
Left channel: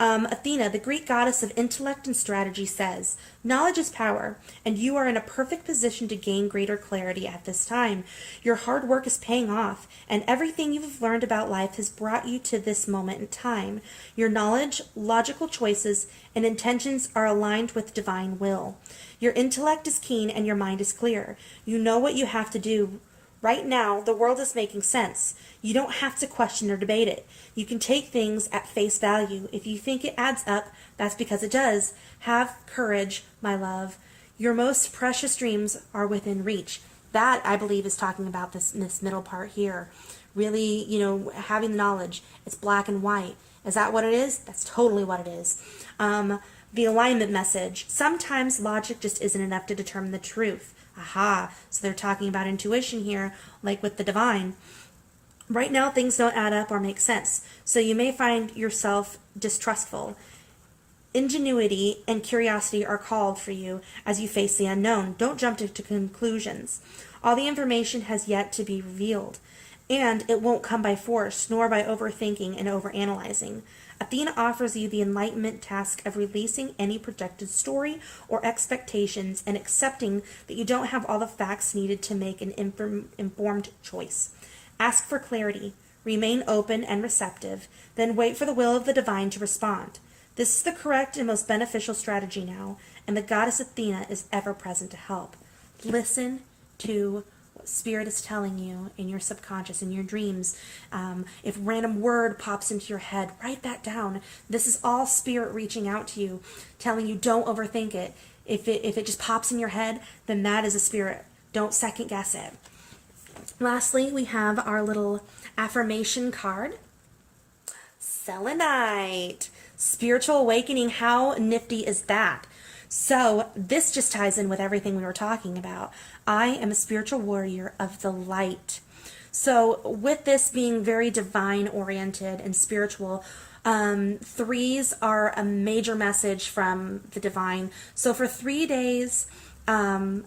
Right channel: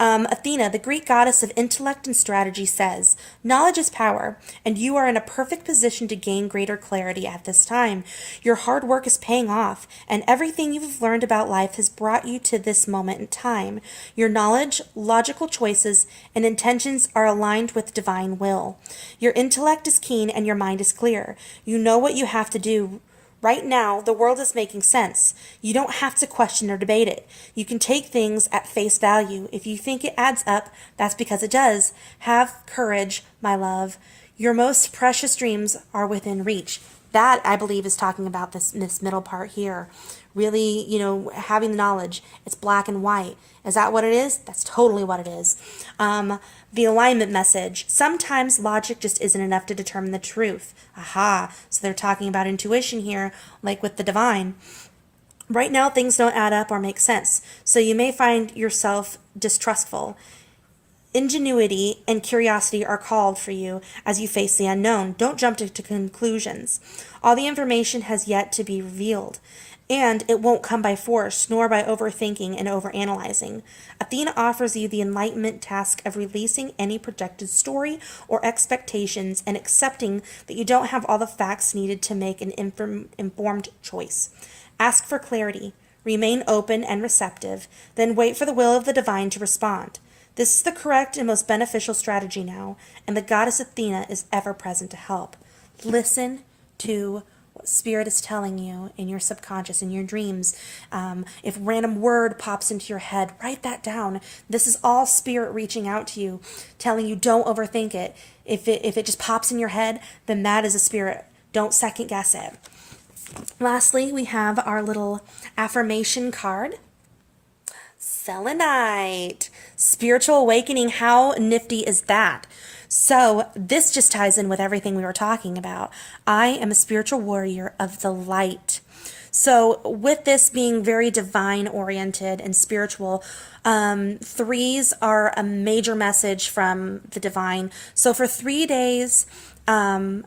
Athena, the Greek goddess of intellect and strategy, says, "Knowledge is power, and you are in a perfect position to gain greater clarity at this time. Your hard work is paying off, and everything you've learned about life has brought you to this moment in time. Your knowledge, logical choices, and intentions are aligned with divine will. Your intellect is keen and your mind is clear. You know what you have to do. Right now, the world is making sense. You don't have to question or debate it. You can take things at face value. If you think it adds up, that's because it does. Have courage, my love. Your most precious dreams are within reach." That, I believe, is talking about this middle part here. Really, having the knowledge. It's black and white. Is that what it is? That's totally what it is. The alignment message. Sometimes logic just isn't enough to determine the truth. Aha. So they're talking about intuition here, like with the divine. Right now, things don't add up or make sense. So you may find yourself distrustful. Ingenuity and curiosity are called for you as you face the unknown. Don't jump to conclusions. All the information has yet to be revealed, and it won't come by force, nor by overthinking and overanalyzing. Athena offers you the enlightenment task of releasing any projected story or expectations and accepting that you don't have all the facts needed to make an informed choice. Ask for clarity, remain open and receptive, then wait for the will of the divine to respond. This is the correct and most beneficial strategy now, and the goddess Athena is ever present to help. Listen to what Spirit is telling you in your subconscious, in your dreams. If a random word pops into your head, write that down. This is all Spirit reaching out to you, telling you don't overthink it. If it just pops in your head, then that is a Spirit. Don't second guess it. Lastly, we have our little affirmation card. Selenite, spiritual awakening. How nifty is that? So this just ties in with everything we were talking about. I am a spiritual warrior of the light. So with this being very divine oriented and spiritual, threes are a major message from the divine. So for 3 days, and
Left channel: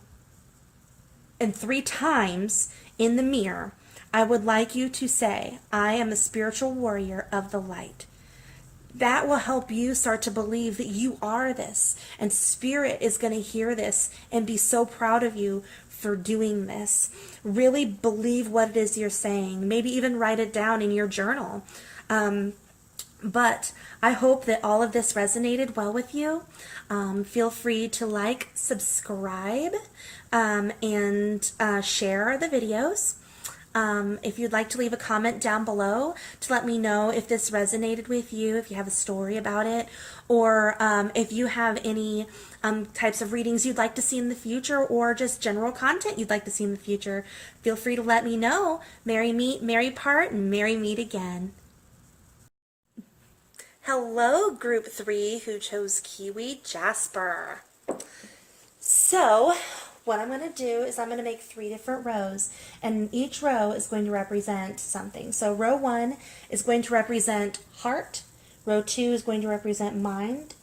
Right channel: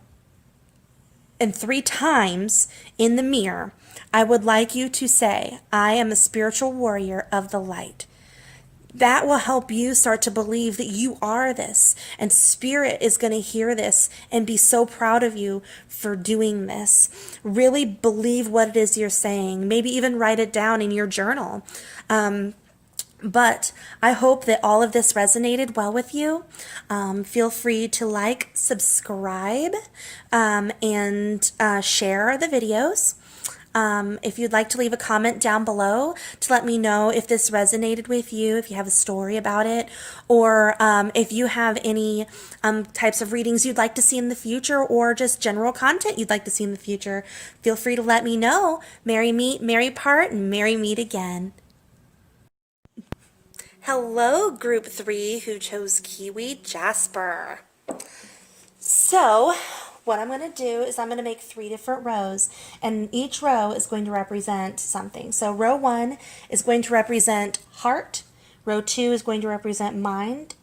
3 times in the mirror, I would like you to say, I am a spiritual warrior of the light. That will help you start to believe that you are this, and Spirit is going to hear this and be so proud of you for doing this. Really believe what it is you're saying. Maybe even write it down in your journal. But I hope that all of this resonated well with you. Feel free to like, subscribe, and share the videos. If you'd like to leave a comment down below to let me know if this resonated with you, if you have a story about it, or if you have any types of readings you'd like to see in the future, or just general content you'd like to see in the future, feel free to let me know. Merry meet, merry part, and merry meet again. Hello, Group 3 who chose Kiwi Jasper. So what I'm going to do is I'm going to make 3 different rows, and each row is going to represent something. So row 1 is going to represent heart, row 2 is going to represent mind,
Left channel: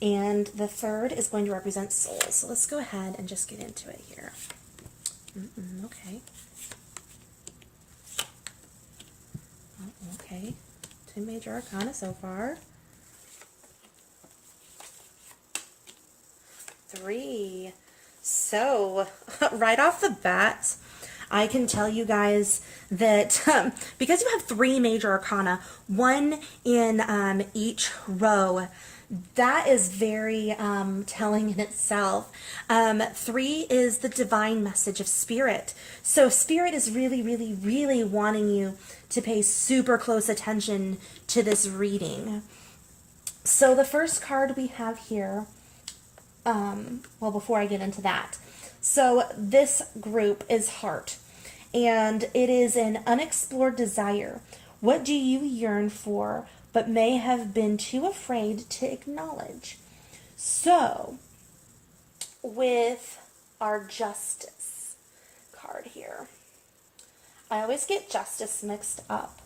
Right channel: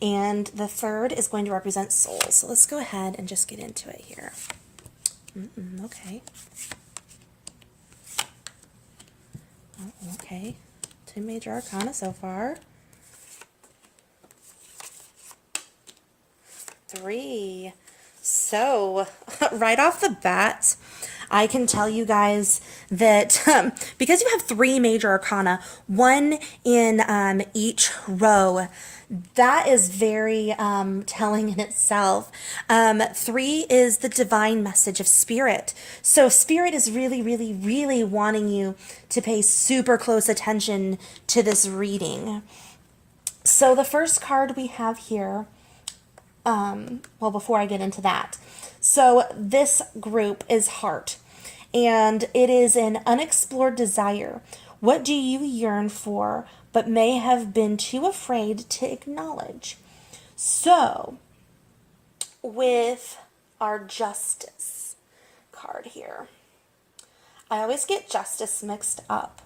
and the third is going to represent soul. So let's go ahead and just get into it here. Okay. Okay. 2 major arcana so far. 3. So, right off the bat, I can tell you guys that because you have 3 major arcana, 1 in each row, that is very telling in itself. 3 is the divine message of Spirit. So Spirit is really, really, really wanting you to pay super close attention to this reading. So the first card we have here, well, before I get into that, so this group is heart, and it is an unexplored desire. What do you yearn for but may have been too afraid to acknowledge? So with our justice card here, I always get justice mixed up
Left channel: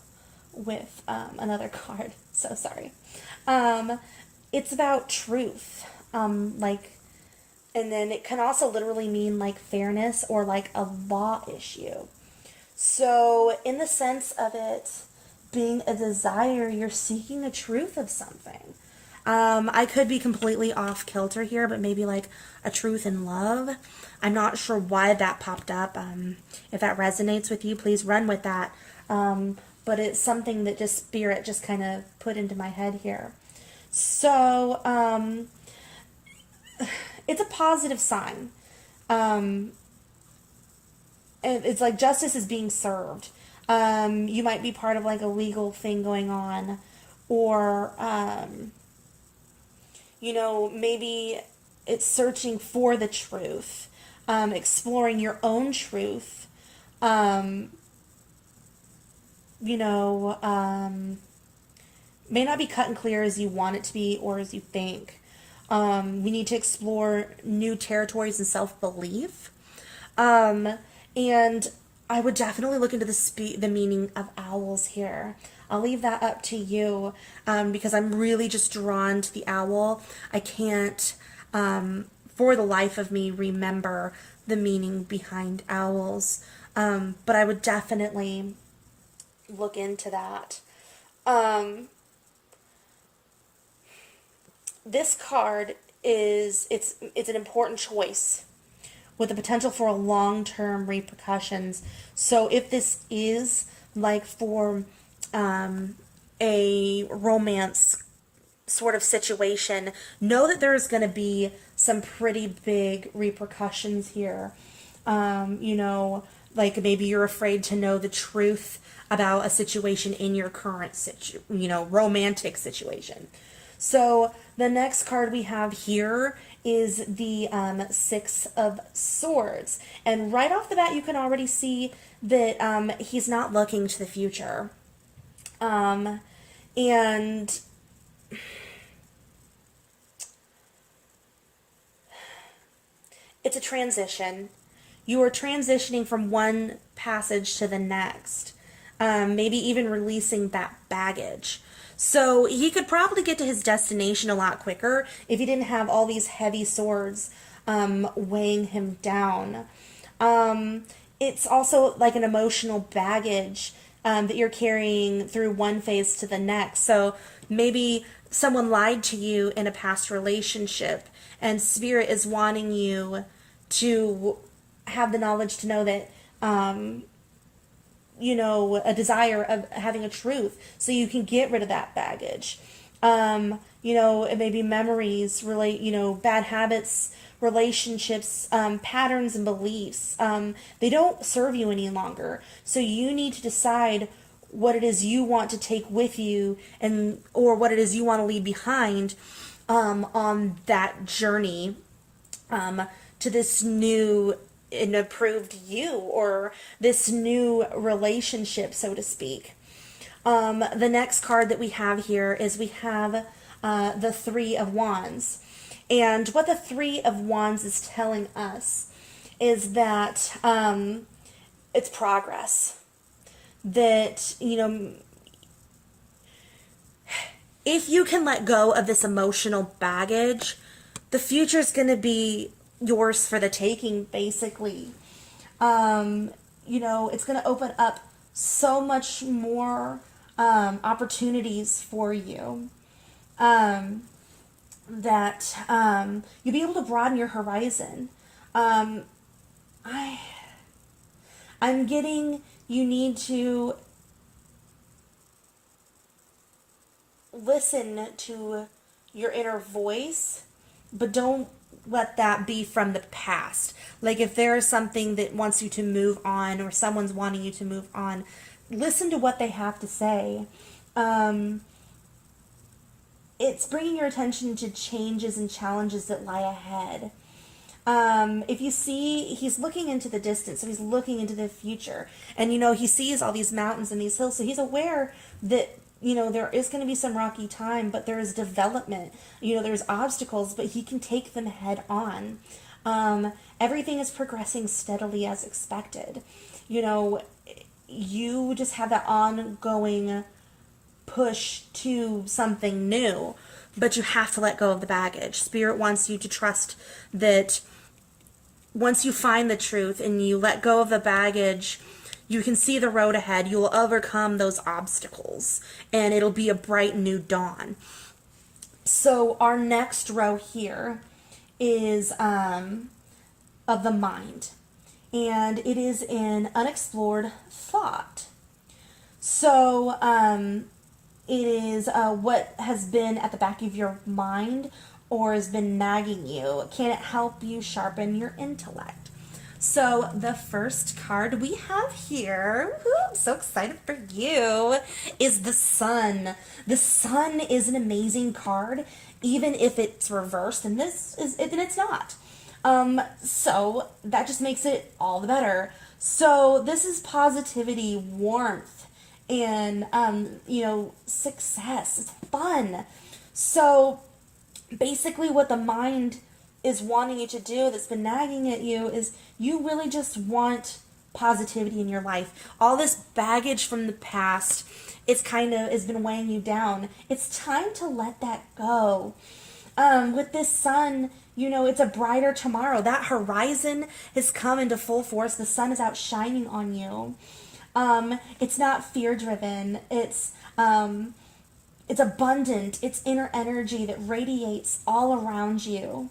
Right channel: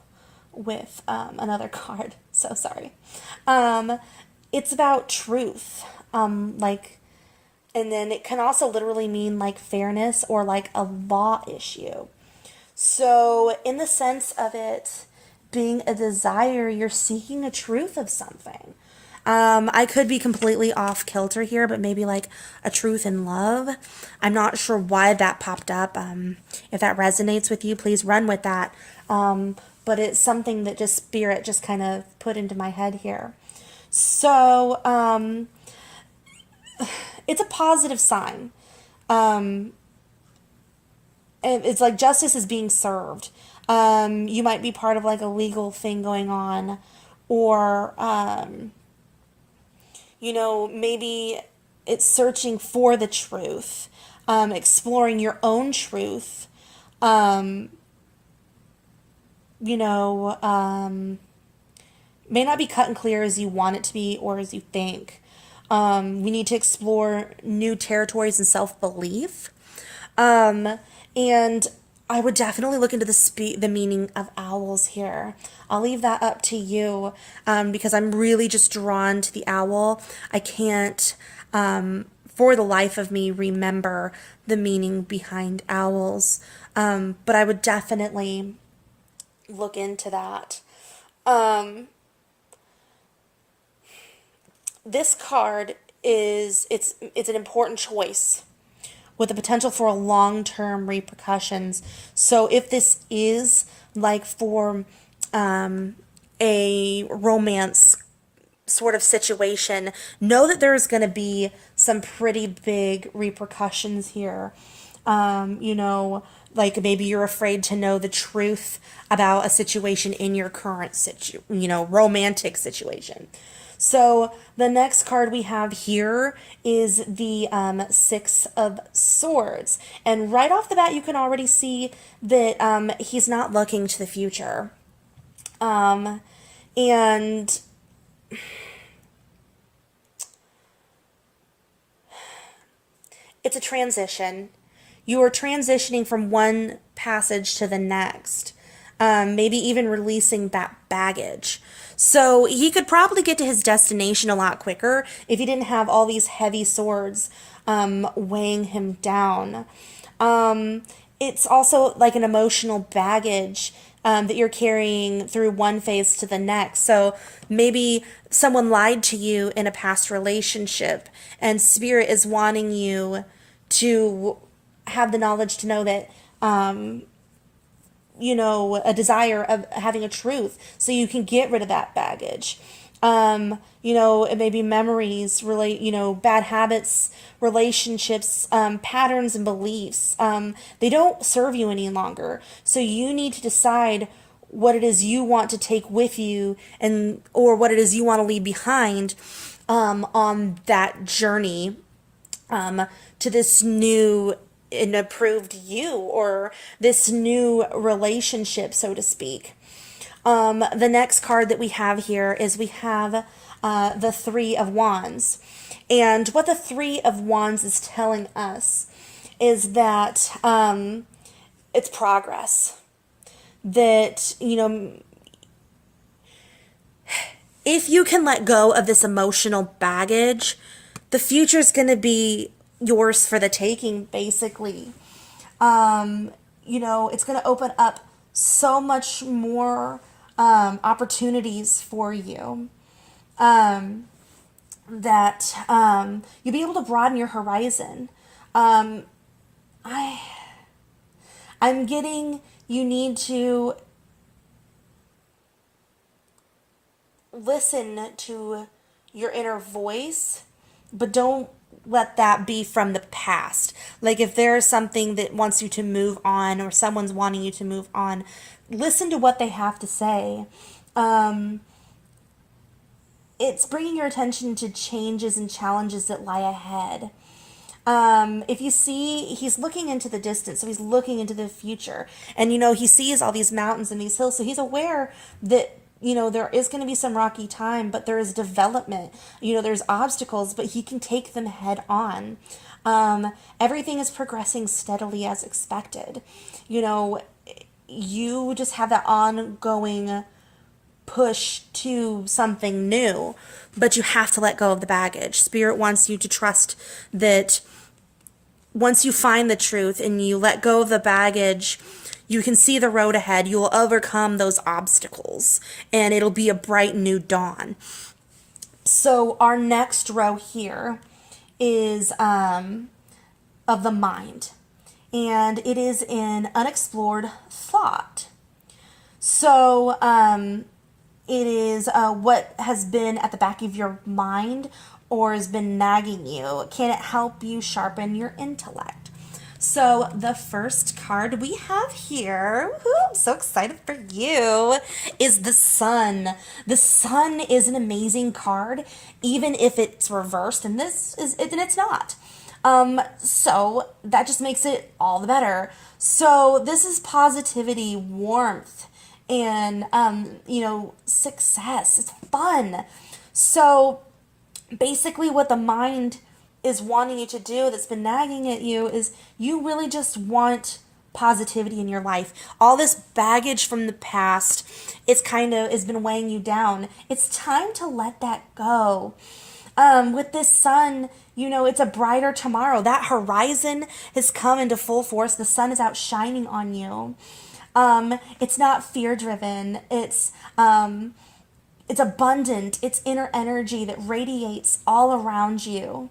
with another card, so sorry. It's about truth. And then it can also literally mean like fairness or like a law issue. So in the sense of it being a desire, you're seeking a truth of something. I could be completely off kilter here, but maybe like a truth in love. I'm not sure why that popped up. If that resonates with you, please run with that. But it's something that just Spirit just kind of put into my head here. So, it's a positive sign. It's like justice is being served. You might be part of like a legal thing going on, or, you know, maybe it's searching for the truth, exploring your own truth, you know, may not be cut and clear as you want it to be or as you think. You need to explore new territories and self-belief. And I would definitely look into the meaning of owls here. I'll leave that up to you, because I'm really just drawn to the owl. I can't, for the life of me, remember the meaning behind owls, but I would definitely look into that. Um, this card it's an important choice with the potential for long-term repercussions. So if this is like for a romance sort of situation, know that there's going to be some pretty big repercussions here. You know, like maybe you're afraid to know the truth about a situation in your current romantic situation. So the next card we have here is the Six of Swords. And right off the bat, you can already see that he's not looking to the future. And it's a transition. You are transitioning from one passage to the next, maybe even releasing that baggage. So he could probably get to his destination a lot quicker if he didn't have all these heavy swords weighing him down. It's also like an emotional baggage that you're carrying through one phase to the next. So maybe someone lied to you in a past relationship, and Spirit is wanting you to have the knowledge to know that, a desire of having a truth so you can get rid of that baggage. It may be memories, bad habits, relationships, patterns and beliefs. They don't serve you any longer. So you need to decide what it is you want to take with you or what it is you want to leave behind on that journey to this new and approved you, or this new relationship, so to speak. The next card that we have here is we have the Three of Wands. And what the Three of Wands is telling us is that it's progress. That, if you can let go of this emotional baggage, the future is going to be yours for the taking, basically. It's going to open up so much more opportunities for you, that you'll be able to broaden your horizon. I'm getting you need to listen to your inner voice, but don't let that be from the past. Like if there's something that wants you to move on, or someone's wanting you to move on, listen to what they have to say. It's bringing your attention to changes and challenges that lie ahead. If you see, he's looking into the distance, so he's looking into the future. And, he sees all these mountains and these hills, so he's aware that, there is going to be some rocky time, but there is development. There's obstacles, but he can take them head on. Everything is progressing steadily as expected. You just have that ongoing push to something new, but you have to let go of the baggage. Spirit wants you to trust that once you find the truth and you let go of the baggage, you can see the road ahead. You will overcome those obstacles, and it'll be a bright new dawn. So our next row here is of the mind, and it is in unexplored thought. So it is what has been at the back of your mind or has been nagging you. Can it help you sharpen your intellect? So the first card we have here, I'm so excited for you, is the Sun. The Sun is an amazing card, even if it's reversed, and it's not. So that just makes it all the better. So this is positivity, warmth, and success. It's fun. So basically what the mind is wanting you to do, that's been nagging at you, is you really just want positivity in your life. All this baggage from the past, it's kind of has been weighing you down. It's time to let that go. With this sun, you know, it's a brighter tomorrow. That horizon has come into full force. The sun is out shining on you. It's not fear driven. It's abundant. It's inner energy that radiates all around you.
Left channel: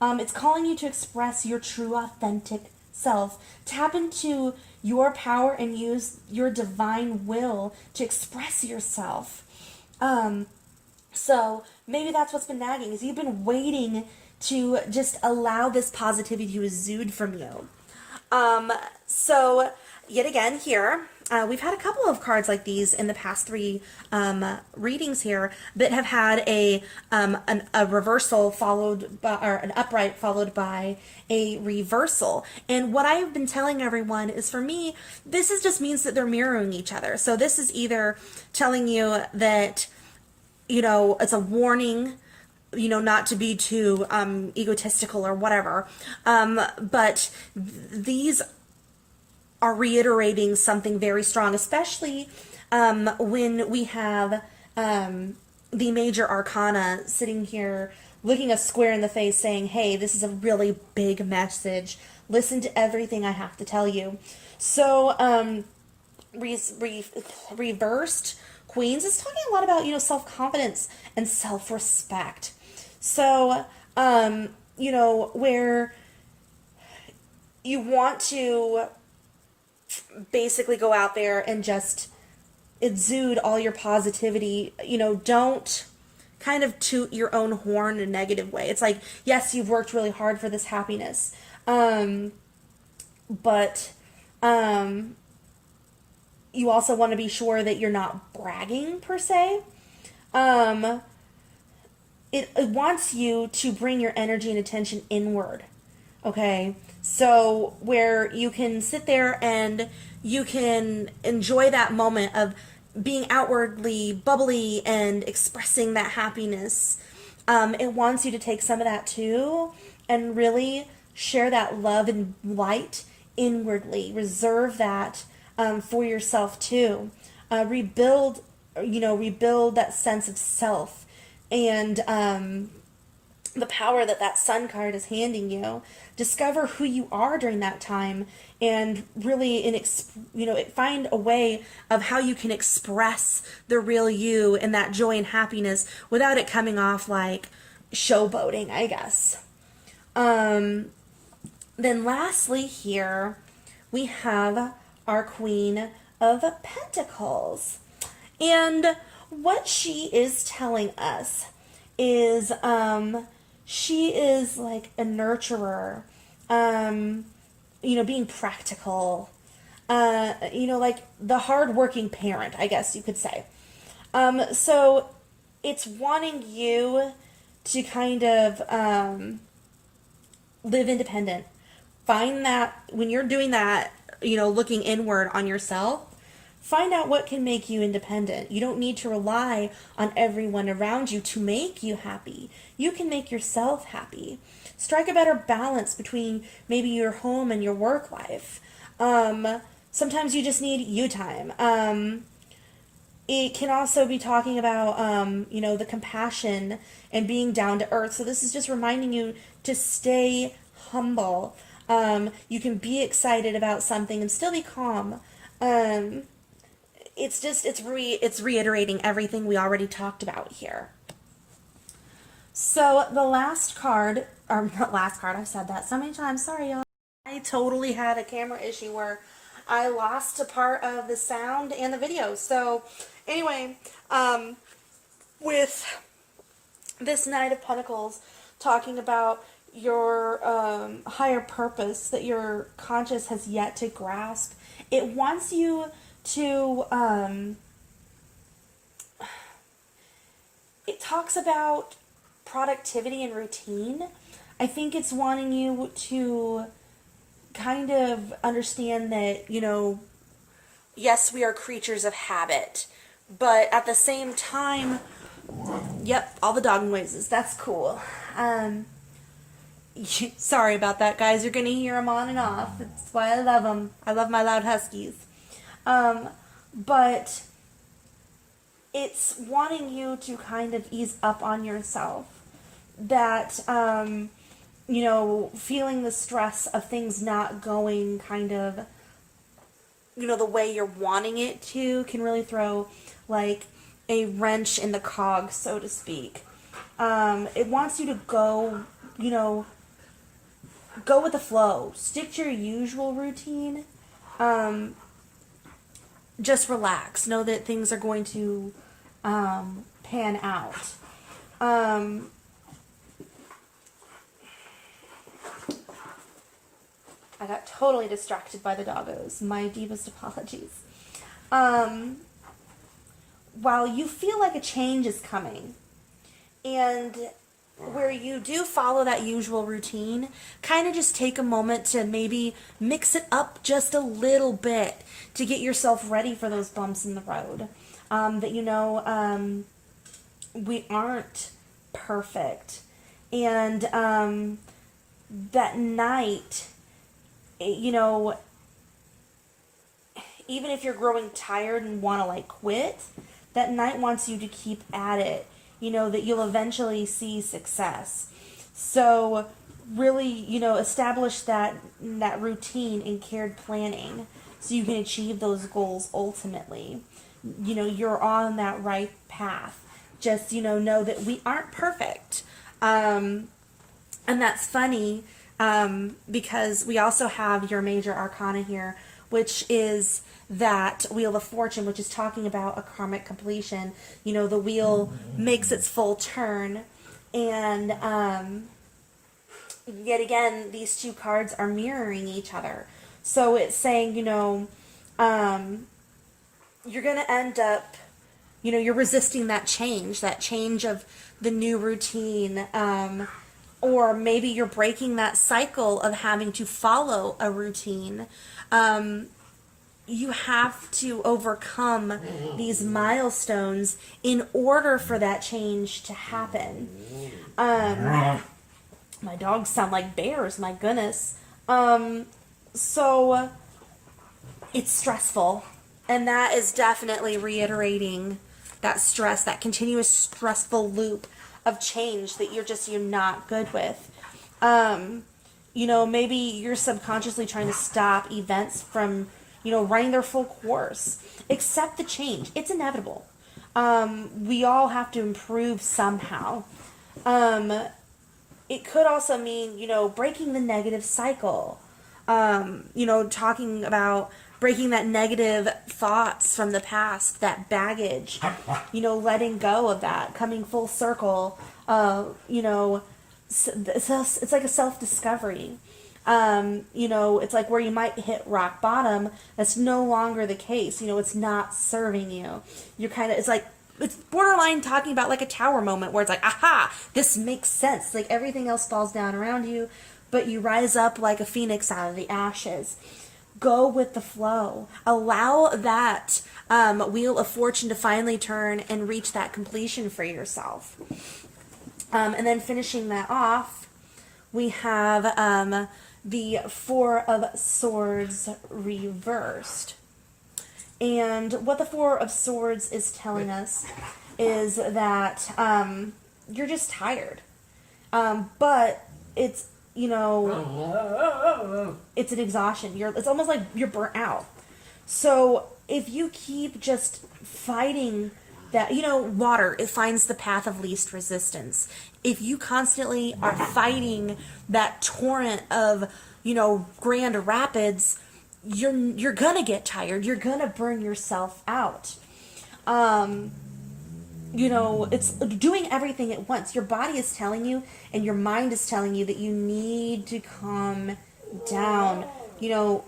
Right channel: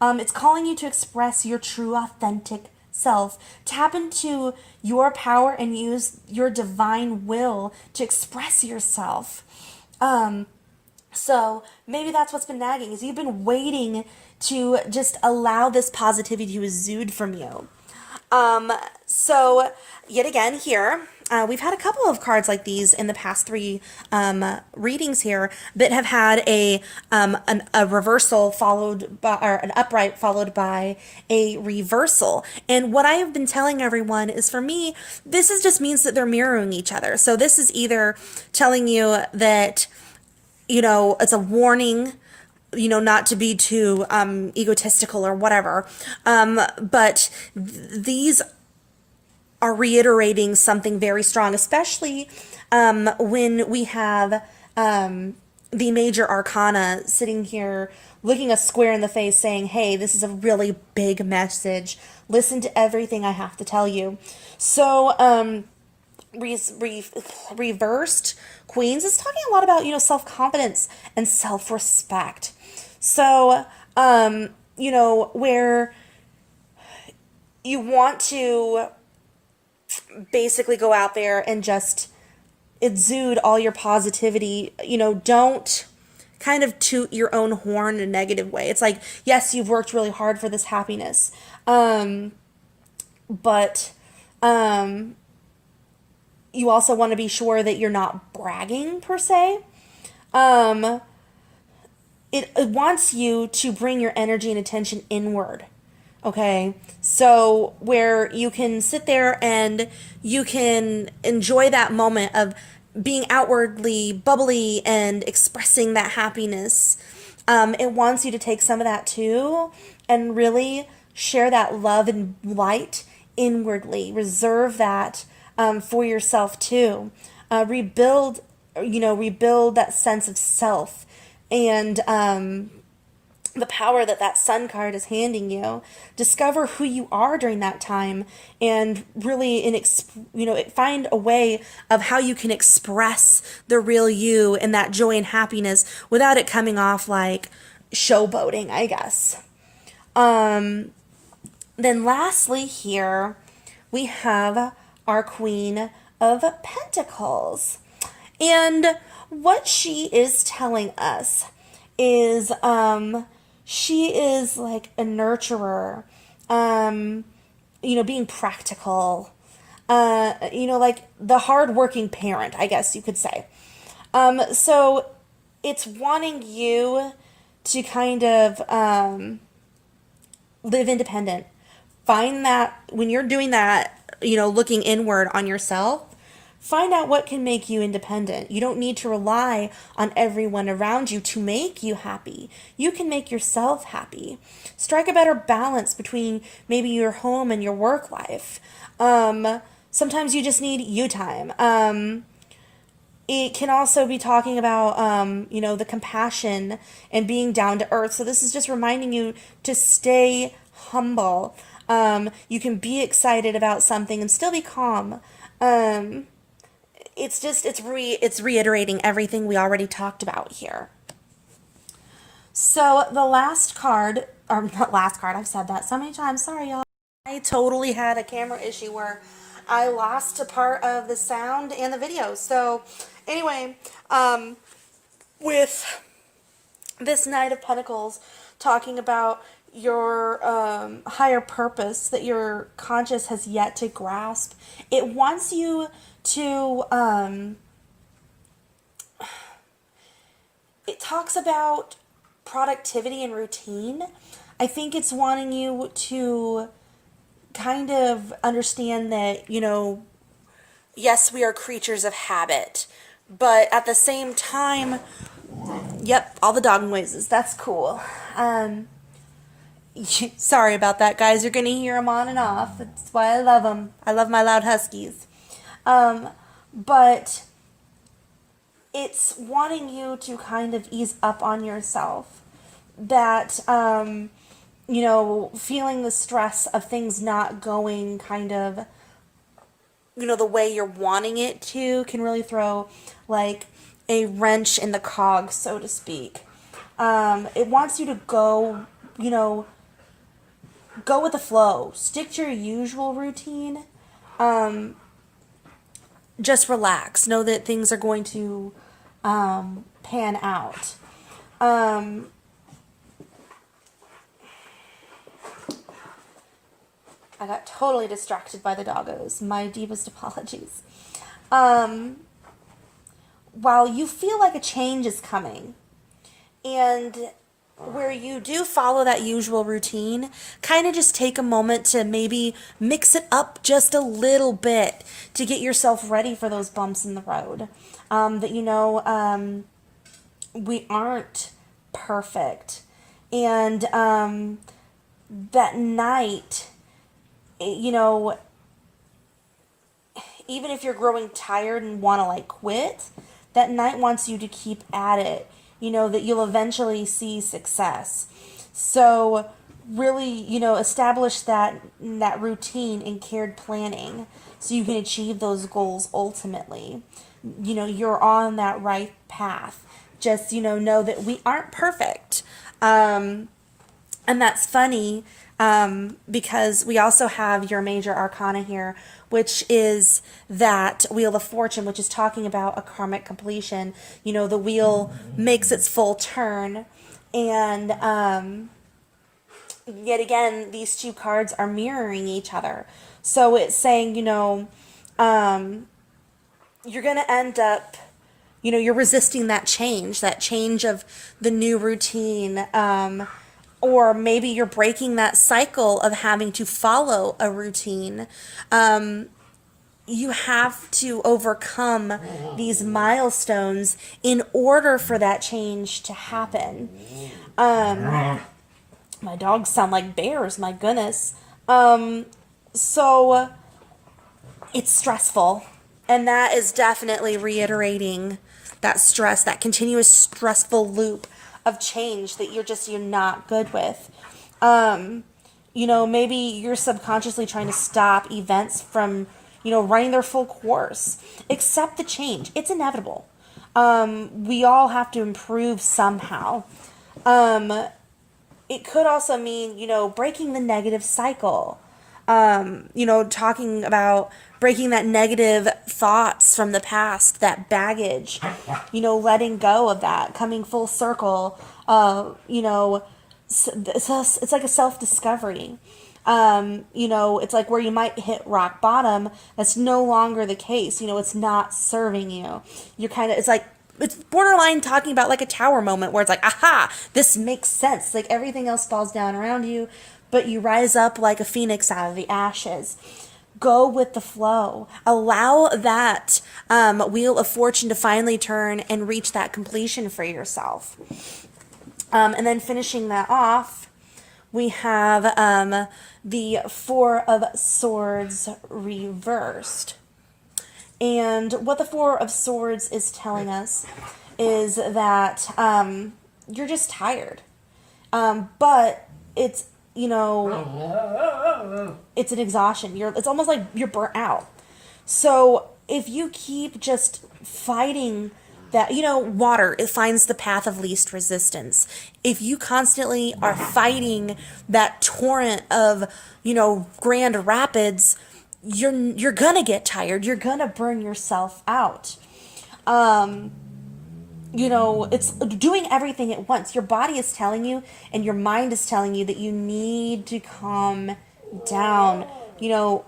It's calling you to express your true, authentic self. Tap into your power and use your divine will to express yourself. So maybe that's what's been nagging, is you've been waiting to just allow this positivity to exude from you. So yet again here, we've had a couple of cards like these in the past three readings here that have had a reversal followed by, or an upright followed by a reversal. And what I have been telling everyone is, for me, this is just means that they're mirroring each other. So this is either telling you that, you know, it's a warning, you know, not to be too egotistical or whatever. But these are reiterating something very strong, especially when we have the major arcana sitting here looking us square in the face saying, hey, this is a really big message. Listen to everything I have to tell you. So reversed Queens is talking a lot about, you know, self-confidence and self-respect. So, you know, where you want to basically go out there and just exude all your positivity, you know, don't kind of toot your own horn in a negative way. It's like, yes, you've worked really hard for this happiness, but you also want to be sure that you're not bragging per se. It wants you to bring your energy and attention inward. Okay, so where you can sit there and you can enjoy that moment of being outwardly bubbly and expressing that happiness. It wants you to take some of that too and really share that love and light inwardly. Reserve that for yourself too. Rebuild that sense of self and the power that sun card is handing you. Discover who you are during that time and really find a way of how you can express the real you and that joy and happiness without it coming off like showboating, I guess. Then lastly here we have our Queen of Pentacles. And what she is telling us is she is like a nurturer, being practical, like the hardworking parent, I guess you could say. So it's wanting you to kind of live independent. Find that when you're doing that, looking inward on yourself, find out what can make you independent. You don't need to rely on everyone around you to make you happy. You can make yourself happy. Strike a better balance between maybe your home and your work life. Sometimes you just need you time. It can also be talking about, the compassion and being down to earth. So this is just reminding you to stay humble. You can be excited about something and still be calm. It's reiterating everything we already talked about here. So the last card, or not last card, I've said that so many times, sorry y'all. I totally had a camera issue where I lost a part of the sound and the video. So anyway, with this Knight of Pentacles talking about your higher purpose that your conscious has yet to grasp, it wants you to it talks about productivity and routine. I think it's wanting you to kind of understand that, yes, we are creatures of habit, but at the same time, yep, all the dog noises, that's cool. Sorry about that, guys. You're gonna hear them on and off. That's why I love them. I love my loud huskies. But it's wanting you to kind of ease up on yourself. That, feeling the stress of things not going kind of, the way you're wanting it to can really throw like a wrench in the cog, so to speak. It wants you to go, go with the flow. Stick to your usual routine. Just relax. Know that things are going to pan out. I got totally distracted by the doggos. My deepest apologies. While you feel like a change is coming, and where you do follow that usual routine, kind of just take a moment to maybe mix it up just a little bit to get yourself ready for those bumps in the road. We aren't perfect. And that night, even if you're growing tired and want to like quit, that night wants you to keep at it. That you'll eventually see success. So really, establish that routine and cared planning so you can achieve those goals ultimately. You're on that right path. Just, know that we aren't perfect. And that's funny because we also have your major arcana here, which is that Wheel of Fortune, which is talking about a karmic completion. The wheel makes its full turn, and yet again, these two cards are mirroring each other. So it's saying, you're going to end up, you're resisting that change of the new routine, or maybe you're breaking that cycle of having to follow a routine. You have to overcome these milestones in order for that change to happen. My dogs sound like bears, my goodness. So it's stressful. And that is definitely reiterating that stress, that continuous stressful loop of change that you're not good with. Maybe you're subconsciously trying to stop events from, running their full course. Accept the change. It's inevitable. We all have to improve somehow. It could also mean, breaking the negative cycle. Talking about breaking that negative thoughts from the past, that baggage, letting go of that, coming full circle. It's like a self-discovery. It's like where you might hit rock bottom. That's no longer the case. It's not serving you. It's borderline talking about like a tower moment where it's like, aha, this makes sense. Like everything else falls down around you, but you rise up like a phoenix out of the ashes. Go with the flow. Allow that Wheel of Fortune to finally turn and reach that completion for yourself. And then finishing that off, we have the Four of Swords reversed. And what the Four of Swords is telling us is that you're just tired. But it's, it's an exhaustion. It's almost like you're burnt out. So if you keep just fighting that, water, it finds the path of least resistance. If you constantly are fighting that torrent of, grand rapids, you're gonna get tired. You're gonna burn yourself out. It's doing everything at once. Your body is telling you and your mind is telling you that you need to calm down.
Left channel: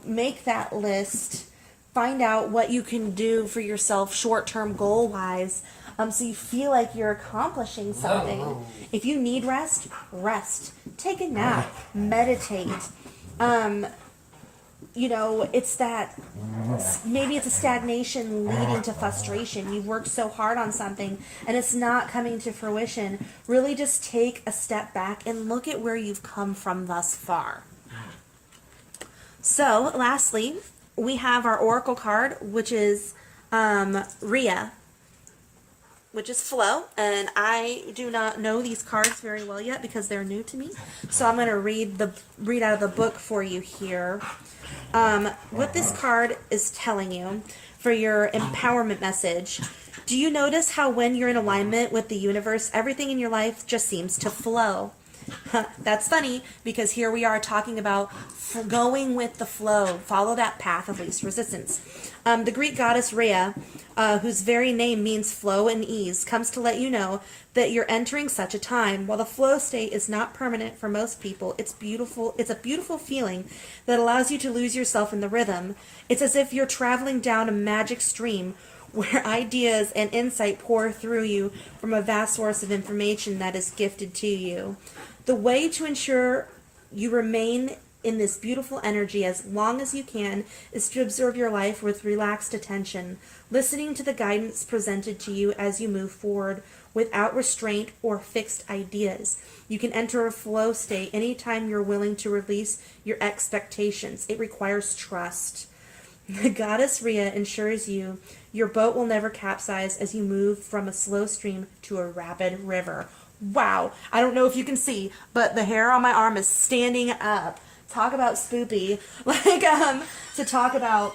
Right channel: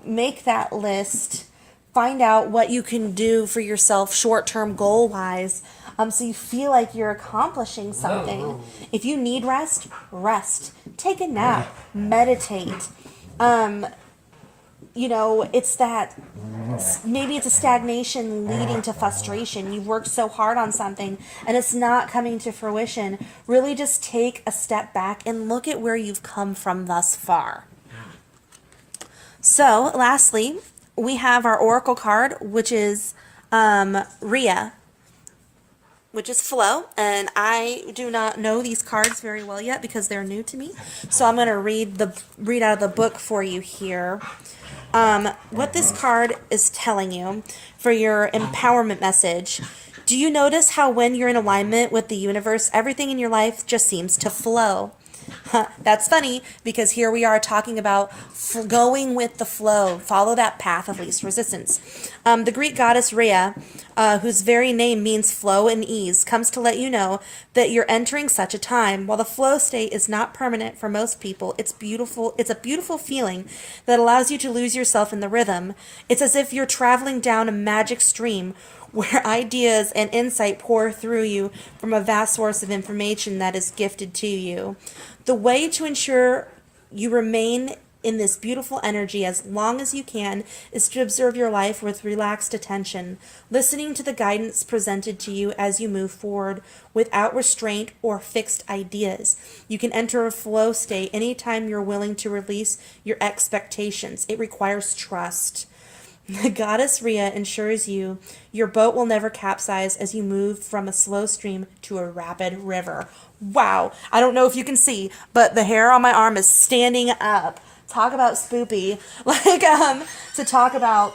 Make that list. Find out what you can do for yourself short-term goal-wise, so you feel like you're accomplishing something. If you need rest, rest. Take a nap. Meditate. it's that maybe it's a stagnation leading to frustration. You've worked so hard on something and it's not coming to fruition. Really just take a step back and look at where you've come from thus far. So, lastly, we have our oracle card, which is Rhea, which is flow, and I do not know these cards very well yet because they're new to me. So I'm going to read out of the book for you here. What this card is telling you for your empowerment message. Do you notice how when you're in alignment with the universe, everything in your life just seems to flow? That's funny because here we are talking about going with the flow, follow that path of least resistance. The Greek goddess Rhea, whose very name means flow and ease, comes to let you know that you're entering such a time. While the flow state is not permanent for most people, it's beautiful. It's a beautiful feeling that allows you to lose yourself in the rhythm. It's as if you're traveling down a magic stream where ideas and insight pour through you from a vast source of information that is gifted to you. The way to ensure you remain in this beautiful energy as long as you can is to observe your life with relaxed attention, listening to the guidance presented to you as you move forward without restraint or fixed ideas. You can enter a flow state anytime you're willing to release your expectations. It requires trust. The goddess Rhea ensures you your boat will never capsize as you move from a slow stream to a rapid river. Wow, I don't know if you can see, but the hair on my arm is standing up. Talk about spoopy. To talk about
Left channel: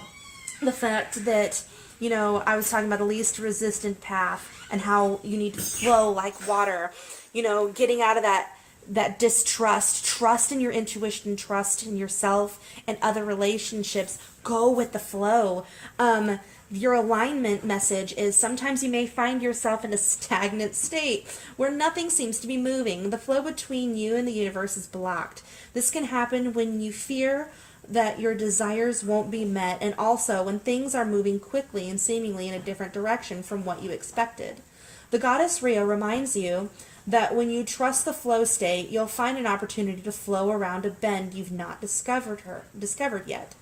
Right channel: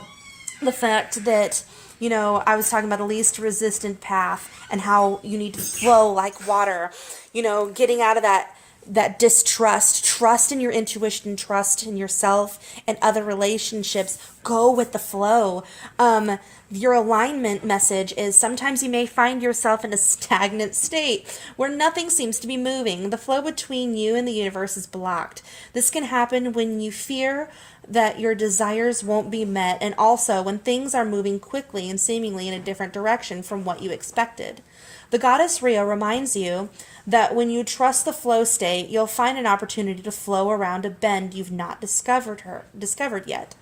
the fact that, I was talking about the least resistant path and how you need to flow like water, getting out of that distrust, trust in your intuition, trust in yourself and other relationships. Go with the flow. Your alignment message is sometimes you may find yourself in a stagnant state where nothing seems to be moving. The flow between you and the universe is blocked. This can happen when you fear that your desires won't be met, and also when things are moving quickly and seemingly in a different direction from what you expected. The goddess Rhea reminds you that when you trust the flow state, you'll find an opportunity to flow around a bend you've not discovered yet.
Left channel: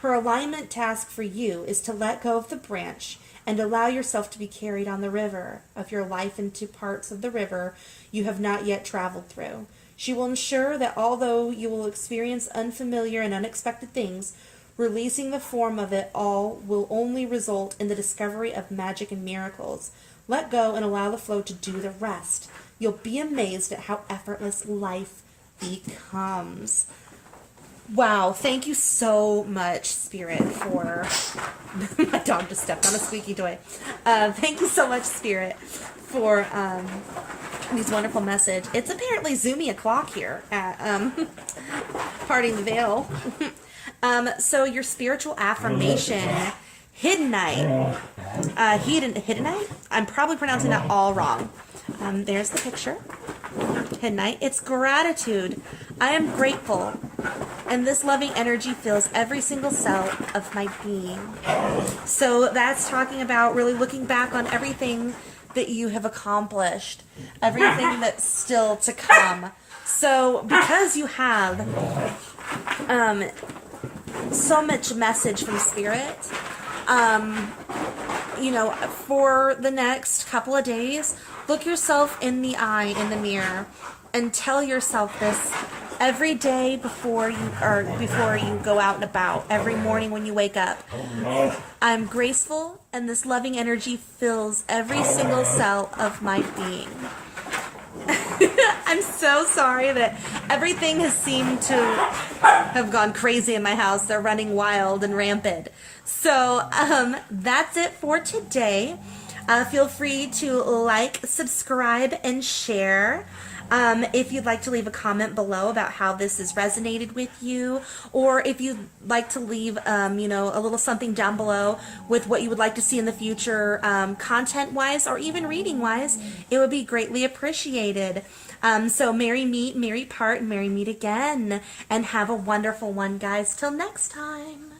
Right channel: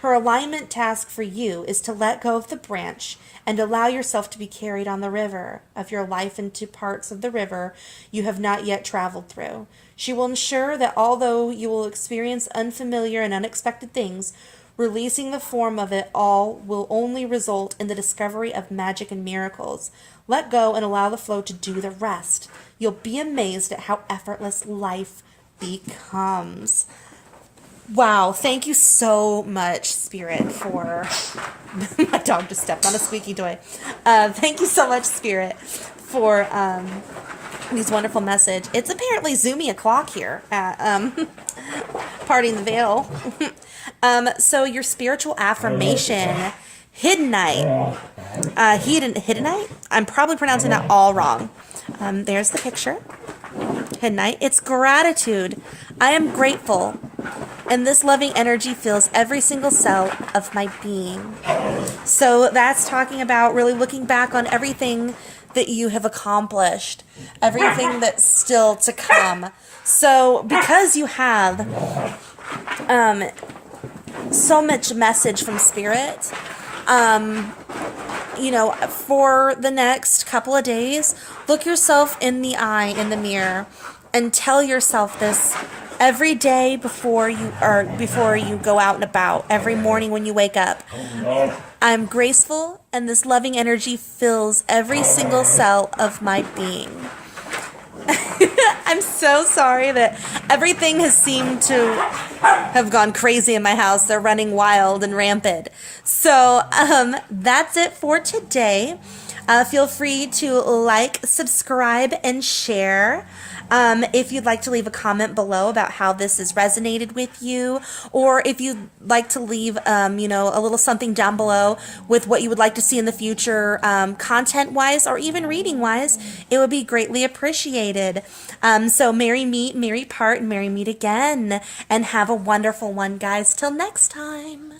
Her alignment task for you is to let go of the branch and allow yourself to be carried on the river of your life into parts of the river you have not yet traveled through. She will ensure that although you will experience unfamiliar and unexpected things, releasing the form of it all will only result in the discovery of magic and miracles. Let go and allow the flow to do the rest. You'll be amazed at how effortless life becomes. Wow, thank you so much, Spirit, for... My dog just stepped on a squeaky toy. Thank you so much, Spirit, for these wonderful message. It's apparently zoomy o'clock here at Parting the Veil. So your spiritual affirmation, Hiddenite. Hiddenite? I'm probably pronouncing that all wrong. There's the picture. Hiddenite. It's gratitude. I am grateful. And this loving energy fills every single cell of my being. So that's talking about really looking back on everything that you have accomplished, everything that's still to come. So because you have so much message from Spirit, for the next couple of days, look yourself in the eye, in the mirror, and tell yourself this every day before you go out and about, every morning when you wake up. I'm graceful, and this loving energy fills every single cell of my being. I'm so sorry that everything has seemed to have gone crazy in my house. They're running wild and rampant. So that's it for today. Feel free to like, subscribe, and share. If you'd like to leave a comment below about how this has resonated with you, or if you'd like to leave, a little something down below with what you would like to see in the future, content-wise or even reading-wise, it would be greatly appreciated. So merry meet, merry part, and merry meet again, and have a wonderful one, guys. Till next time.